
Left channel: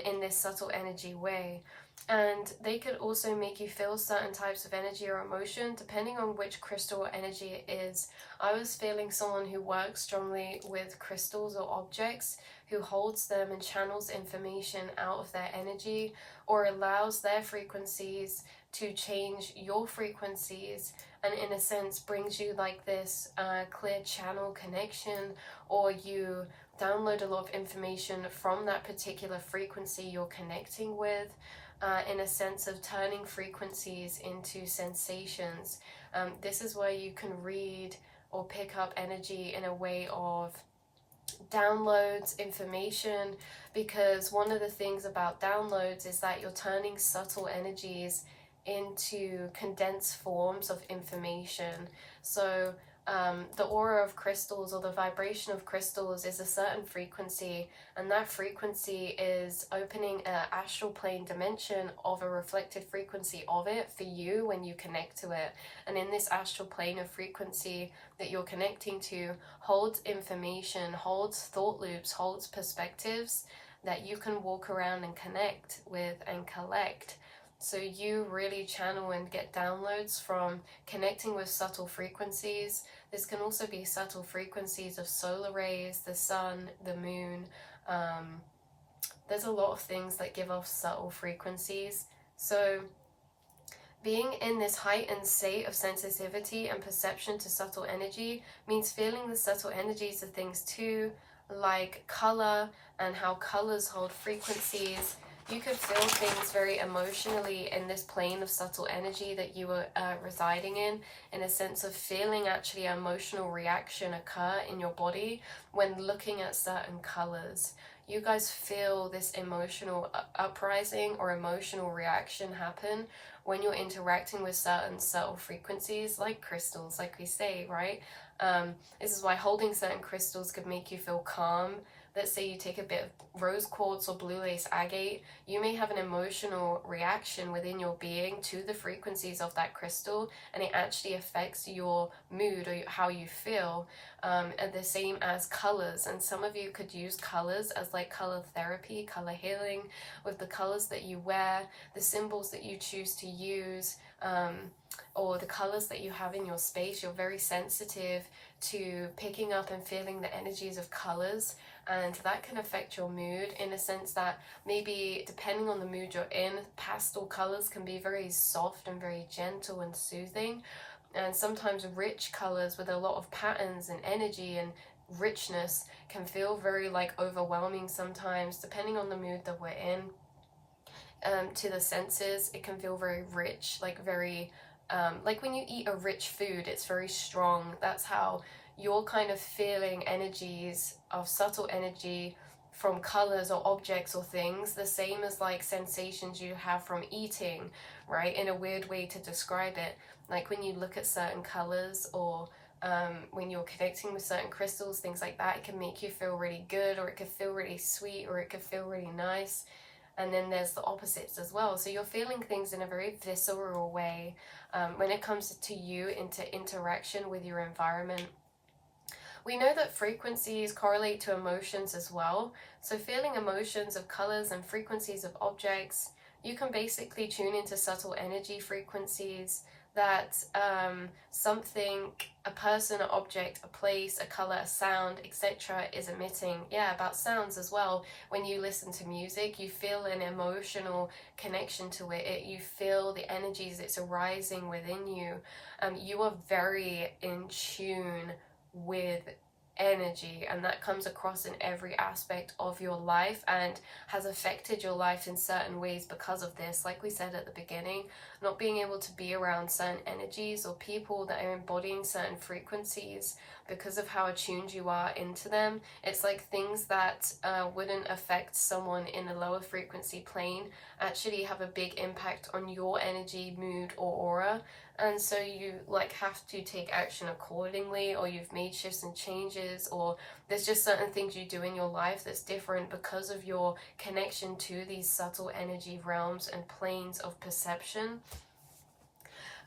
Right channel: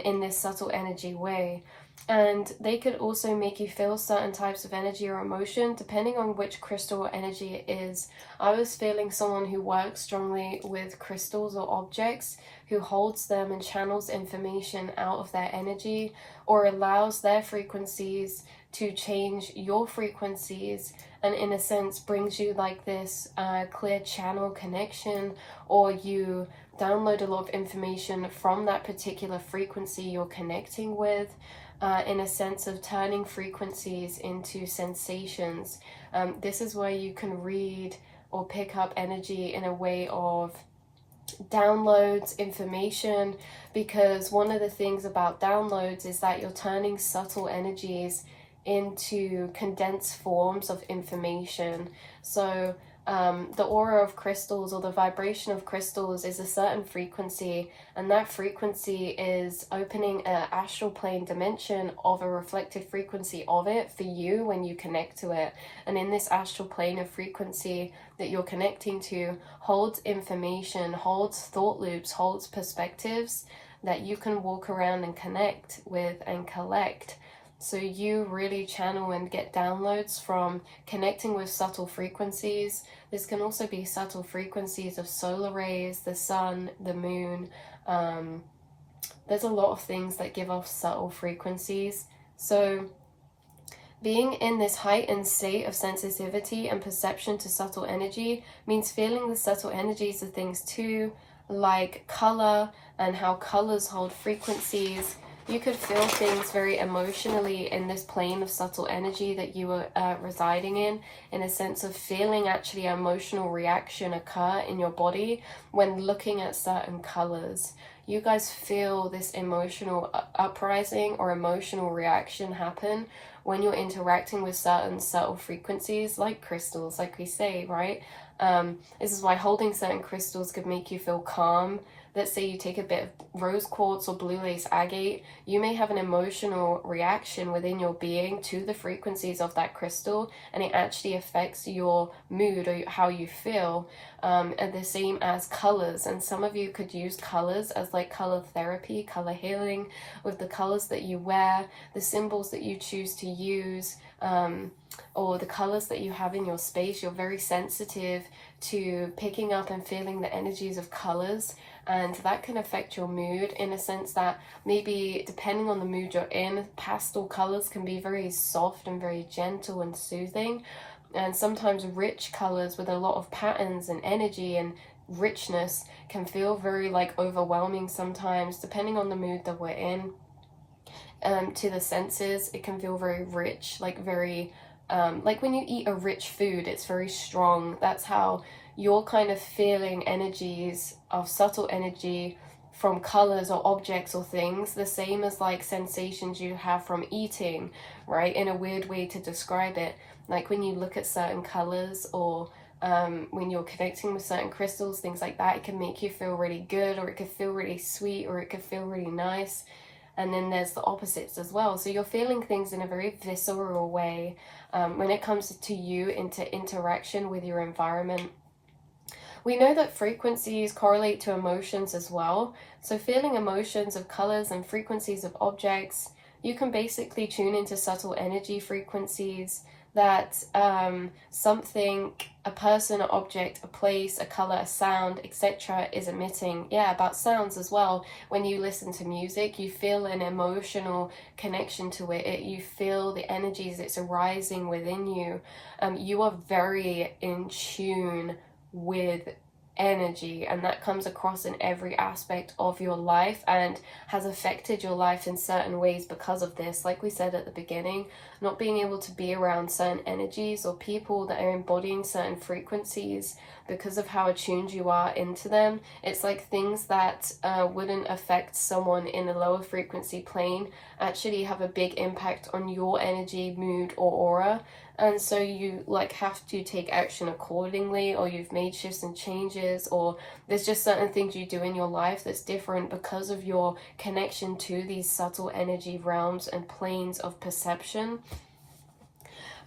in this subtle energy way. And they could also make you feel certain types of energy or emotion depending on which crystal or energy it is. I was feeling someone who works strongly with crystals or objects, who holds them and channels information out of their energy, or allows their frequencies to change your frequencies, and in a sense brings you like this clear channel connection, or you download a lot of information from that particular frequency you're connecting with, in a sense of turning frequencies into sensations. This is where you can read or pick up energy in a way of downloads, information, because one of the things about downloads is that you're turning subtle energies into condensed forms of information. So the aura of crystals, or the vibration of crystals, is a certain frequency, and that frequency is opening an astral plane dimension of a reflected frequency of it for you when you connect to it. And in this astral plane of frequency that you're connecting to holds information, holds thought loops, holds perspectives that you can walk around and connect with and collect. So you really channel and get downloads from connecting with subtle frequencies. This can also be subtle frequencies of solar rays, the sun, the moon. There's a lot of things that give off subtle frequencies. So being in this heightened state of sensitivity and perception to subtle energy means feeling the subtle energies of things too, like color and how colors hold frequencies. You could feel things very emotionally in this plane of subtle energy that you were residing in a sense of feeling actually an emotional reaction occur in your body when looking at certain colors. You guys feel this emotional uprising or emotional reaction happen when you're interacting with certain subtle frequencies, like crystals, like we say, right? This is why holding certain crystals could make you feel calm. Let's say you take a bit of rose quartz or blue lace agate, you may have an emotional reaction within your being to the frequencies of that crystal, and it actually affects your mood or how you feel. And the same as colors, and some of you could use colors as like color therapy, color healing, with the colors that you wear, the symbols that you choose to use, or the colors that you have in your space. You're very sensitive to picking up and feeling the energies of colors, and that can affect your mood in a sense that maybe depending on the mood you're in, pastel colors can be very soft and very gentle and soothing, and sometimes rich colors with a lot of patterns and energy and richness can feel very like overwhelming sometimes, depending on the mood that we're in. To the senses, it can feel very rich, like very like when you eat a rich food, it's very strong. That's how you're kind of feeling energies of subtle energy from colors or objects or things, the same as like sensations you have from eating, right? In a weird way to describe it, like when you look at certain colors, or when you're connecting with certain crystals, things like that, it can make you feel really good, or it could feel really sweet, or it could feel really nice. And then there's the opposites as well. So you're feeling things in a very visceral way when it comes to you into interaction with your environment. We know that frequencies correlate to emotions as well. So feeling emotions of colors and frequencies of objects, you can basically tune into subtle energy frequencies that something, a person, an object, a place, a color, a sound, etc. is emitting. Yeah, about sounds as well. When you listen to music, you feel an emotional connection to it. You feel the energies, it's arising within you. You are very in tune with energy, and that comes across in every aspect of your life and has affected your life in certain ways because of this. Like we said at the beginning, not being able to be around certain energies or people that are embodying certain frequencies because of how attuned you are into them. It's like things that wouldn't affect someone in a lower frequency plane actually have a big impact on your energy, mood, or aura. and so you like have to take action accordingly, or you've made shifts and changes, or there's just certain things you do in your life that's different because of your connection to these subtle energy realms and planes of perception.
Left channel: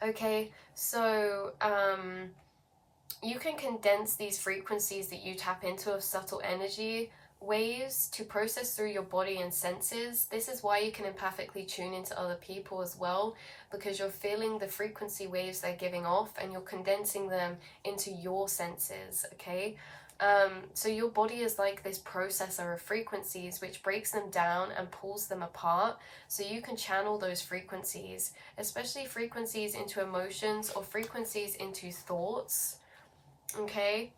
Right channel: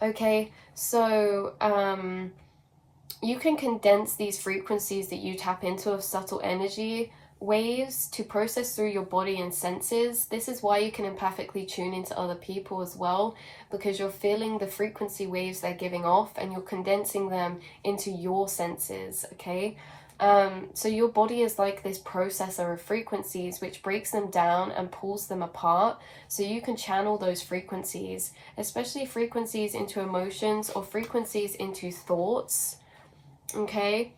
Okay, so you can condense these frequencies that you tap into of subtle energy waves to process through your body and senses. This is why you can empathically tune into other people as well, because you're feeling the frequency waves they're giving off and you're condensing them into your senses, okay? So your body is like this processor of frequencies which breaks them down and pulls them apart, so you can channel those frequencies, especially frequencies into emotions or frequencies into thoughts. Okay,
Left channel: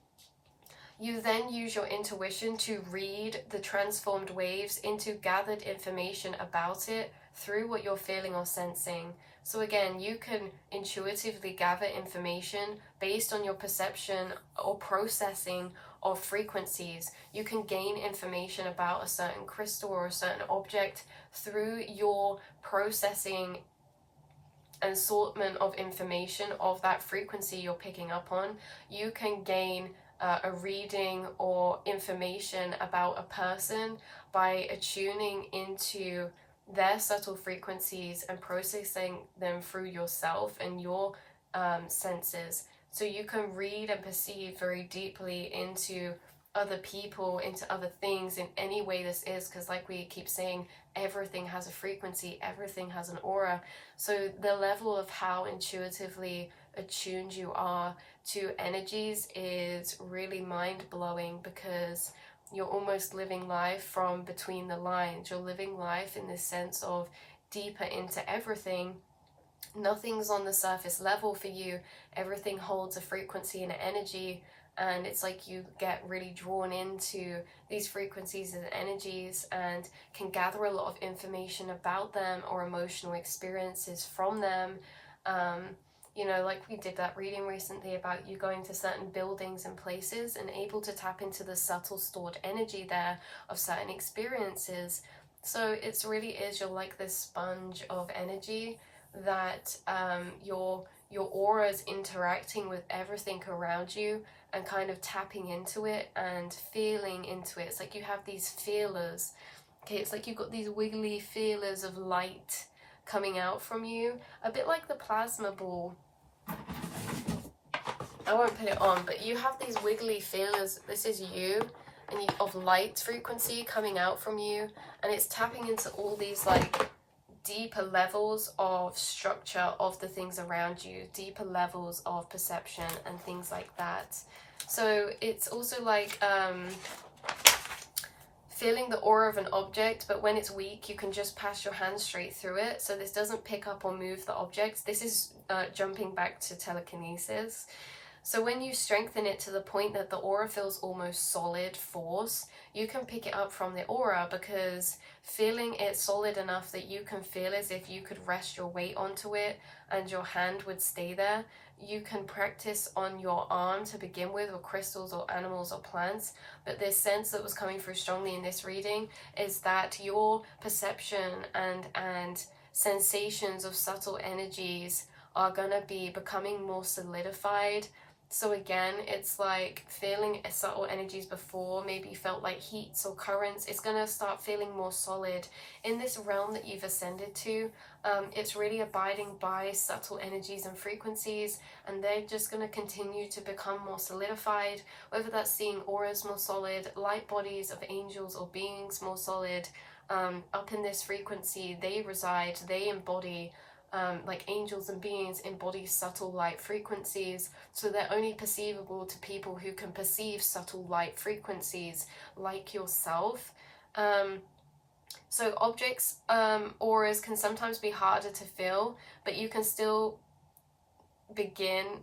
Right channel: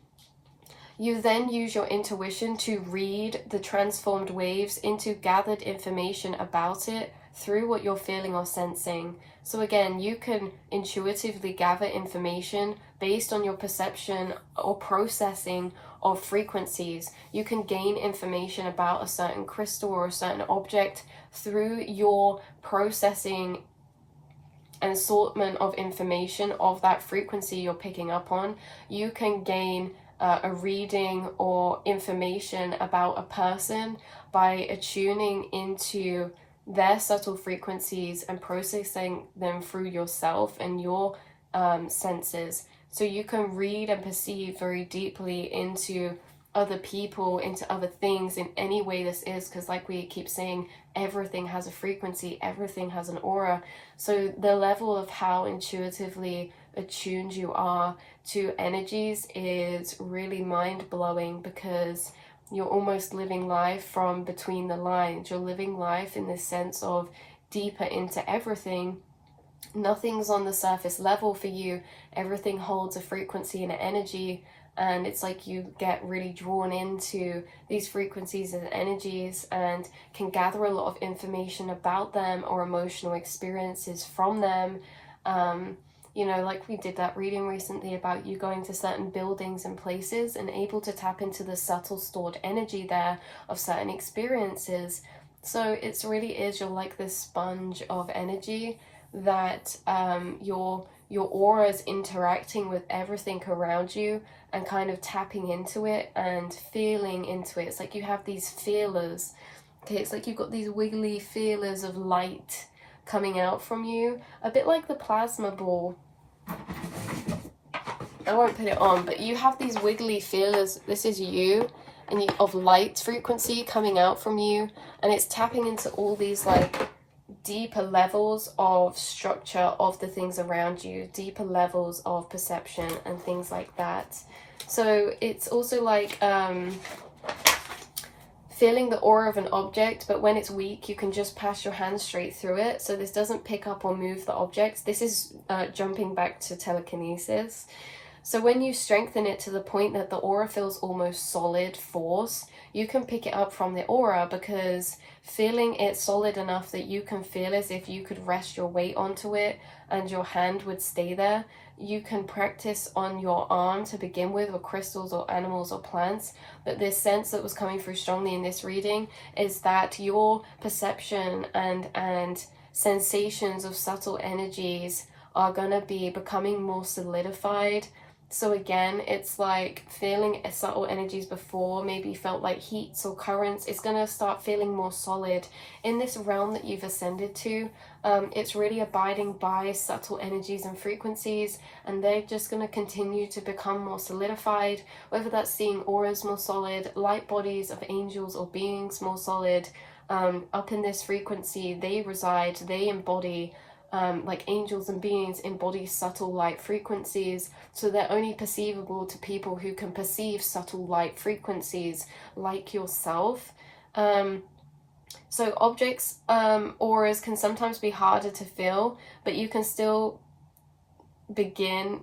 you then use your intuition to read the transformed waves into gathered information about it through what you're feeling or sensing. So again, you can intuitively gather information based on your perception or processing of frequencies. You can gain information about a certain crystal or a certain object through your processing and assortment of information of that frequency you're picking up on. You can gain a reading or information about a person by attuning into their subtle frequencies and processing them through yourself and your senses. So you can read and perceive very deeply into other people, into other things in any way this is, because like we keep saying, everything has a frequency, everything has an aura. So the level of how intuitively attuned you are to energies is really mind-blowing, because you're almost living life from between the lines. You're living life in this sense of deeper into everything. Nothing's on the surface level for you. Everything holds a frequency and an energy, and it's like you get really drawn into these frequencies and energies and can gather a lot of information about them or emotional experiences from them. You know, like we did that reading recently about you going to certain buildings and places and able to tap into the subtle stored energy there of certain experiences. So it's really is, you're like this sponge of energy that your aura is interacting with everything around you and kind of tapping into it and feeling into it. It's like you have these feelers. Okay, it's like you've got these wiggly feelers of light coming out from you, a bit like the plasma ball. I won't put it on, but you have these wiggly feelers. This is you, and of light frequency coming out from you, and it's tapping into all these like deeper levels of structure of the things around you, deeper levels of perception and things like that. So it's also like feeling the aura of an object, but when it's weak you can just pass your hand straight through it, so this doesn't pick up or move the objects. This is jumping back to telekinesis. So when you strengthen it to the point that the aura feels almost solid force, you can pick it up from the aura, because feeling it solid enough that you can feel as if you could rest your weight onto it and your hand would stay there. You can practice on your arm to begin with crystals or animals or plants, but this sense that was coming through strongly in this reading is that your perception and sensations of subtle energies are going to be becoming more solidified. So again, it's like feeling subtle energies before maybe felt like heats or currents. It's going to start feeling more solid in this realm that you've ascended to. It's really abiding by subtle energies and frequencies, and they're just going to continue to become more solidified, whether that's seeing auras more solid, light bodies of angels or beings more solid. Up in this frequency they reside, they embody, like angels and beings embody subtle light frequencies, so they're only perceivable to people who can perceive subtle light frequencies like yourself. So objects, auras can sometimes be harder to feel, but you can still begin,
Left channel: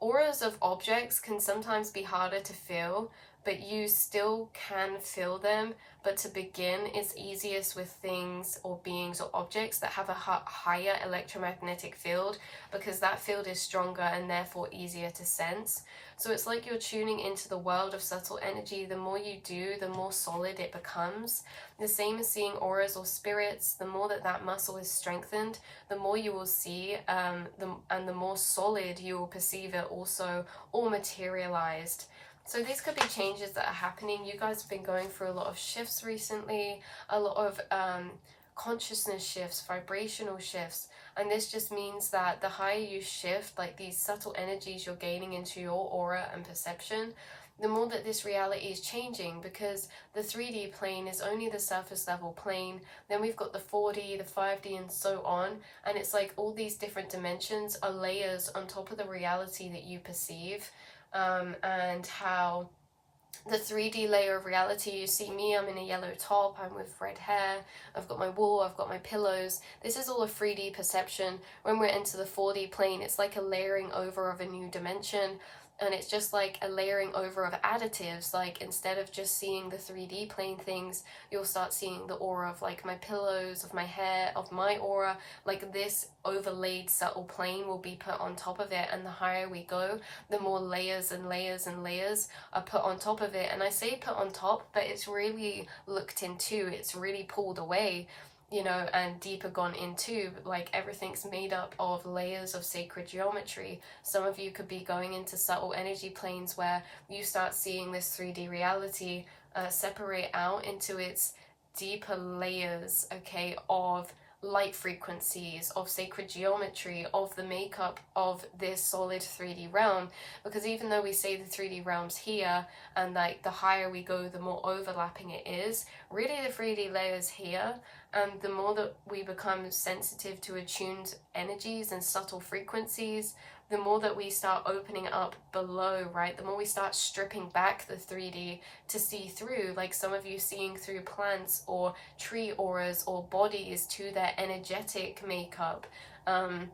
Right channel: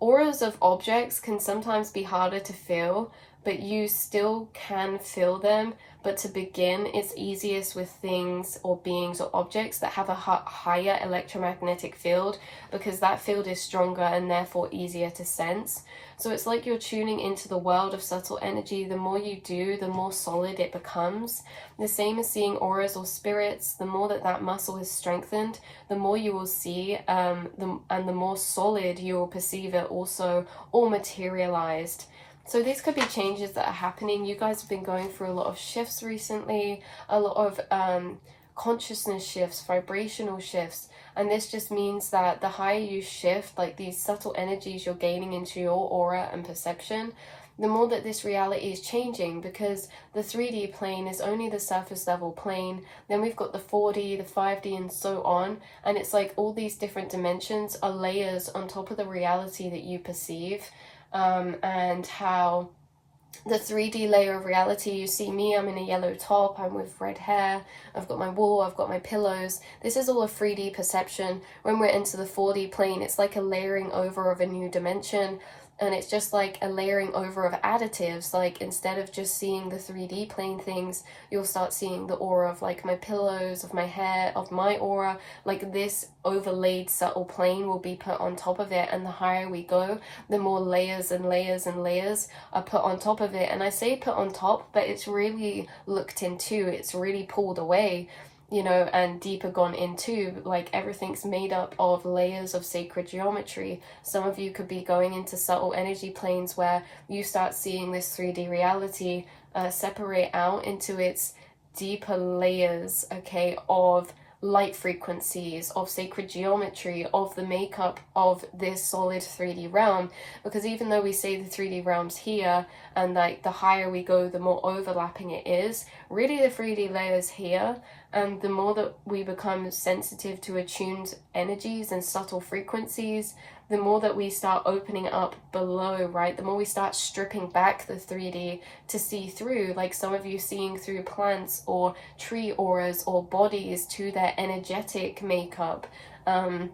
auras of objects can sometimes be harder to feel, but you still can feel them but to begin, it's easiest with things or beings or objects that have a higher electromagnetic field, because that field is stronger and therefore easier to sense. So it's like you're tuning into the world of subtle energy. The more you do, the more solid it becomes. The same as seeing auras or spirits. The more that muscle is strengthened, the more you will see, and the more solid you will perceive it also, or materialized. So these could be changes that are happening. You guys have been going through a lot of shifts recently, a lot of consciousness shifts, vibrational shifts. And this just means that the higher you shift, like these subtle energies you're gaining into your aura and perception, the more that this reality is changing, because the 3D plane is only the surface level plane. Then we've got the 4D, the 5D, and so on. And it's like all these different dimensions are layers on top of the reality that you perceive. And how the 3D layer of reality, you see me, I'm in a yellow top, I'm with red hair, I've got my wall, I've got my pillows. This is all a 3D perception. When we're into the 4D plane, it's like a layering over of a new dimension. And it's just like a layering over of additives. Like instead of just seeing the 3D plane things, you'll start seeing the aura of like my pillows, of my hair, of my aura. Like this overlaid subtle plane will be put on top of it. And the higher we go, the more layers and layers and layers are put on top of it. And I say put on top, but it's really looked into, it's really pulled away, you know, and deeper gone into. Like everything's made up of layers of sacred geometry. Some of you could be going into subtle energy planes where you start seeing this 3D reality separate out into its deeper layers, okay, of light frequencies, of sacred geometry, of the makeup of this solid 3D realm. Because even though we say the 3D realm's here, and like the higher we go, the more overlapping it is, really the 3D layer's here. And the more that we become sensitive to attuned energies and subtle frequencies, the more that we start opening up below, right? The more we start stripping back the 3D to see through, like some of you seeing through plants or tree auras or bodies to their energetic makeup. And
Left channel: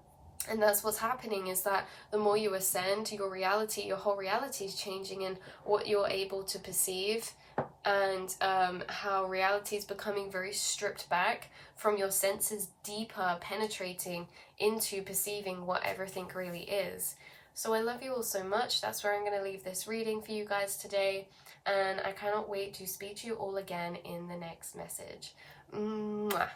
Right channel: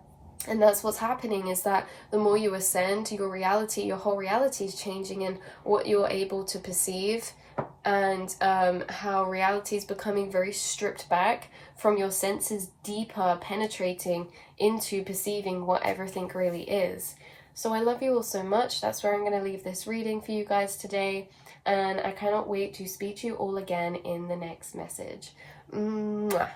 that's what's happening, is that the more you ascend, your reality, your whole reality is changing, and what you're able to perceive, and how reality is becoming very stripped back from your senses, deeper penetrating into perceiving what everything really is. So I love you all so much. That's where I'm going to leave this reading for you guys today, and I cannot wait to speak to you all again in the next message. Mwah.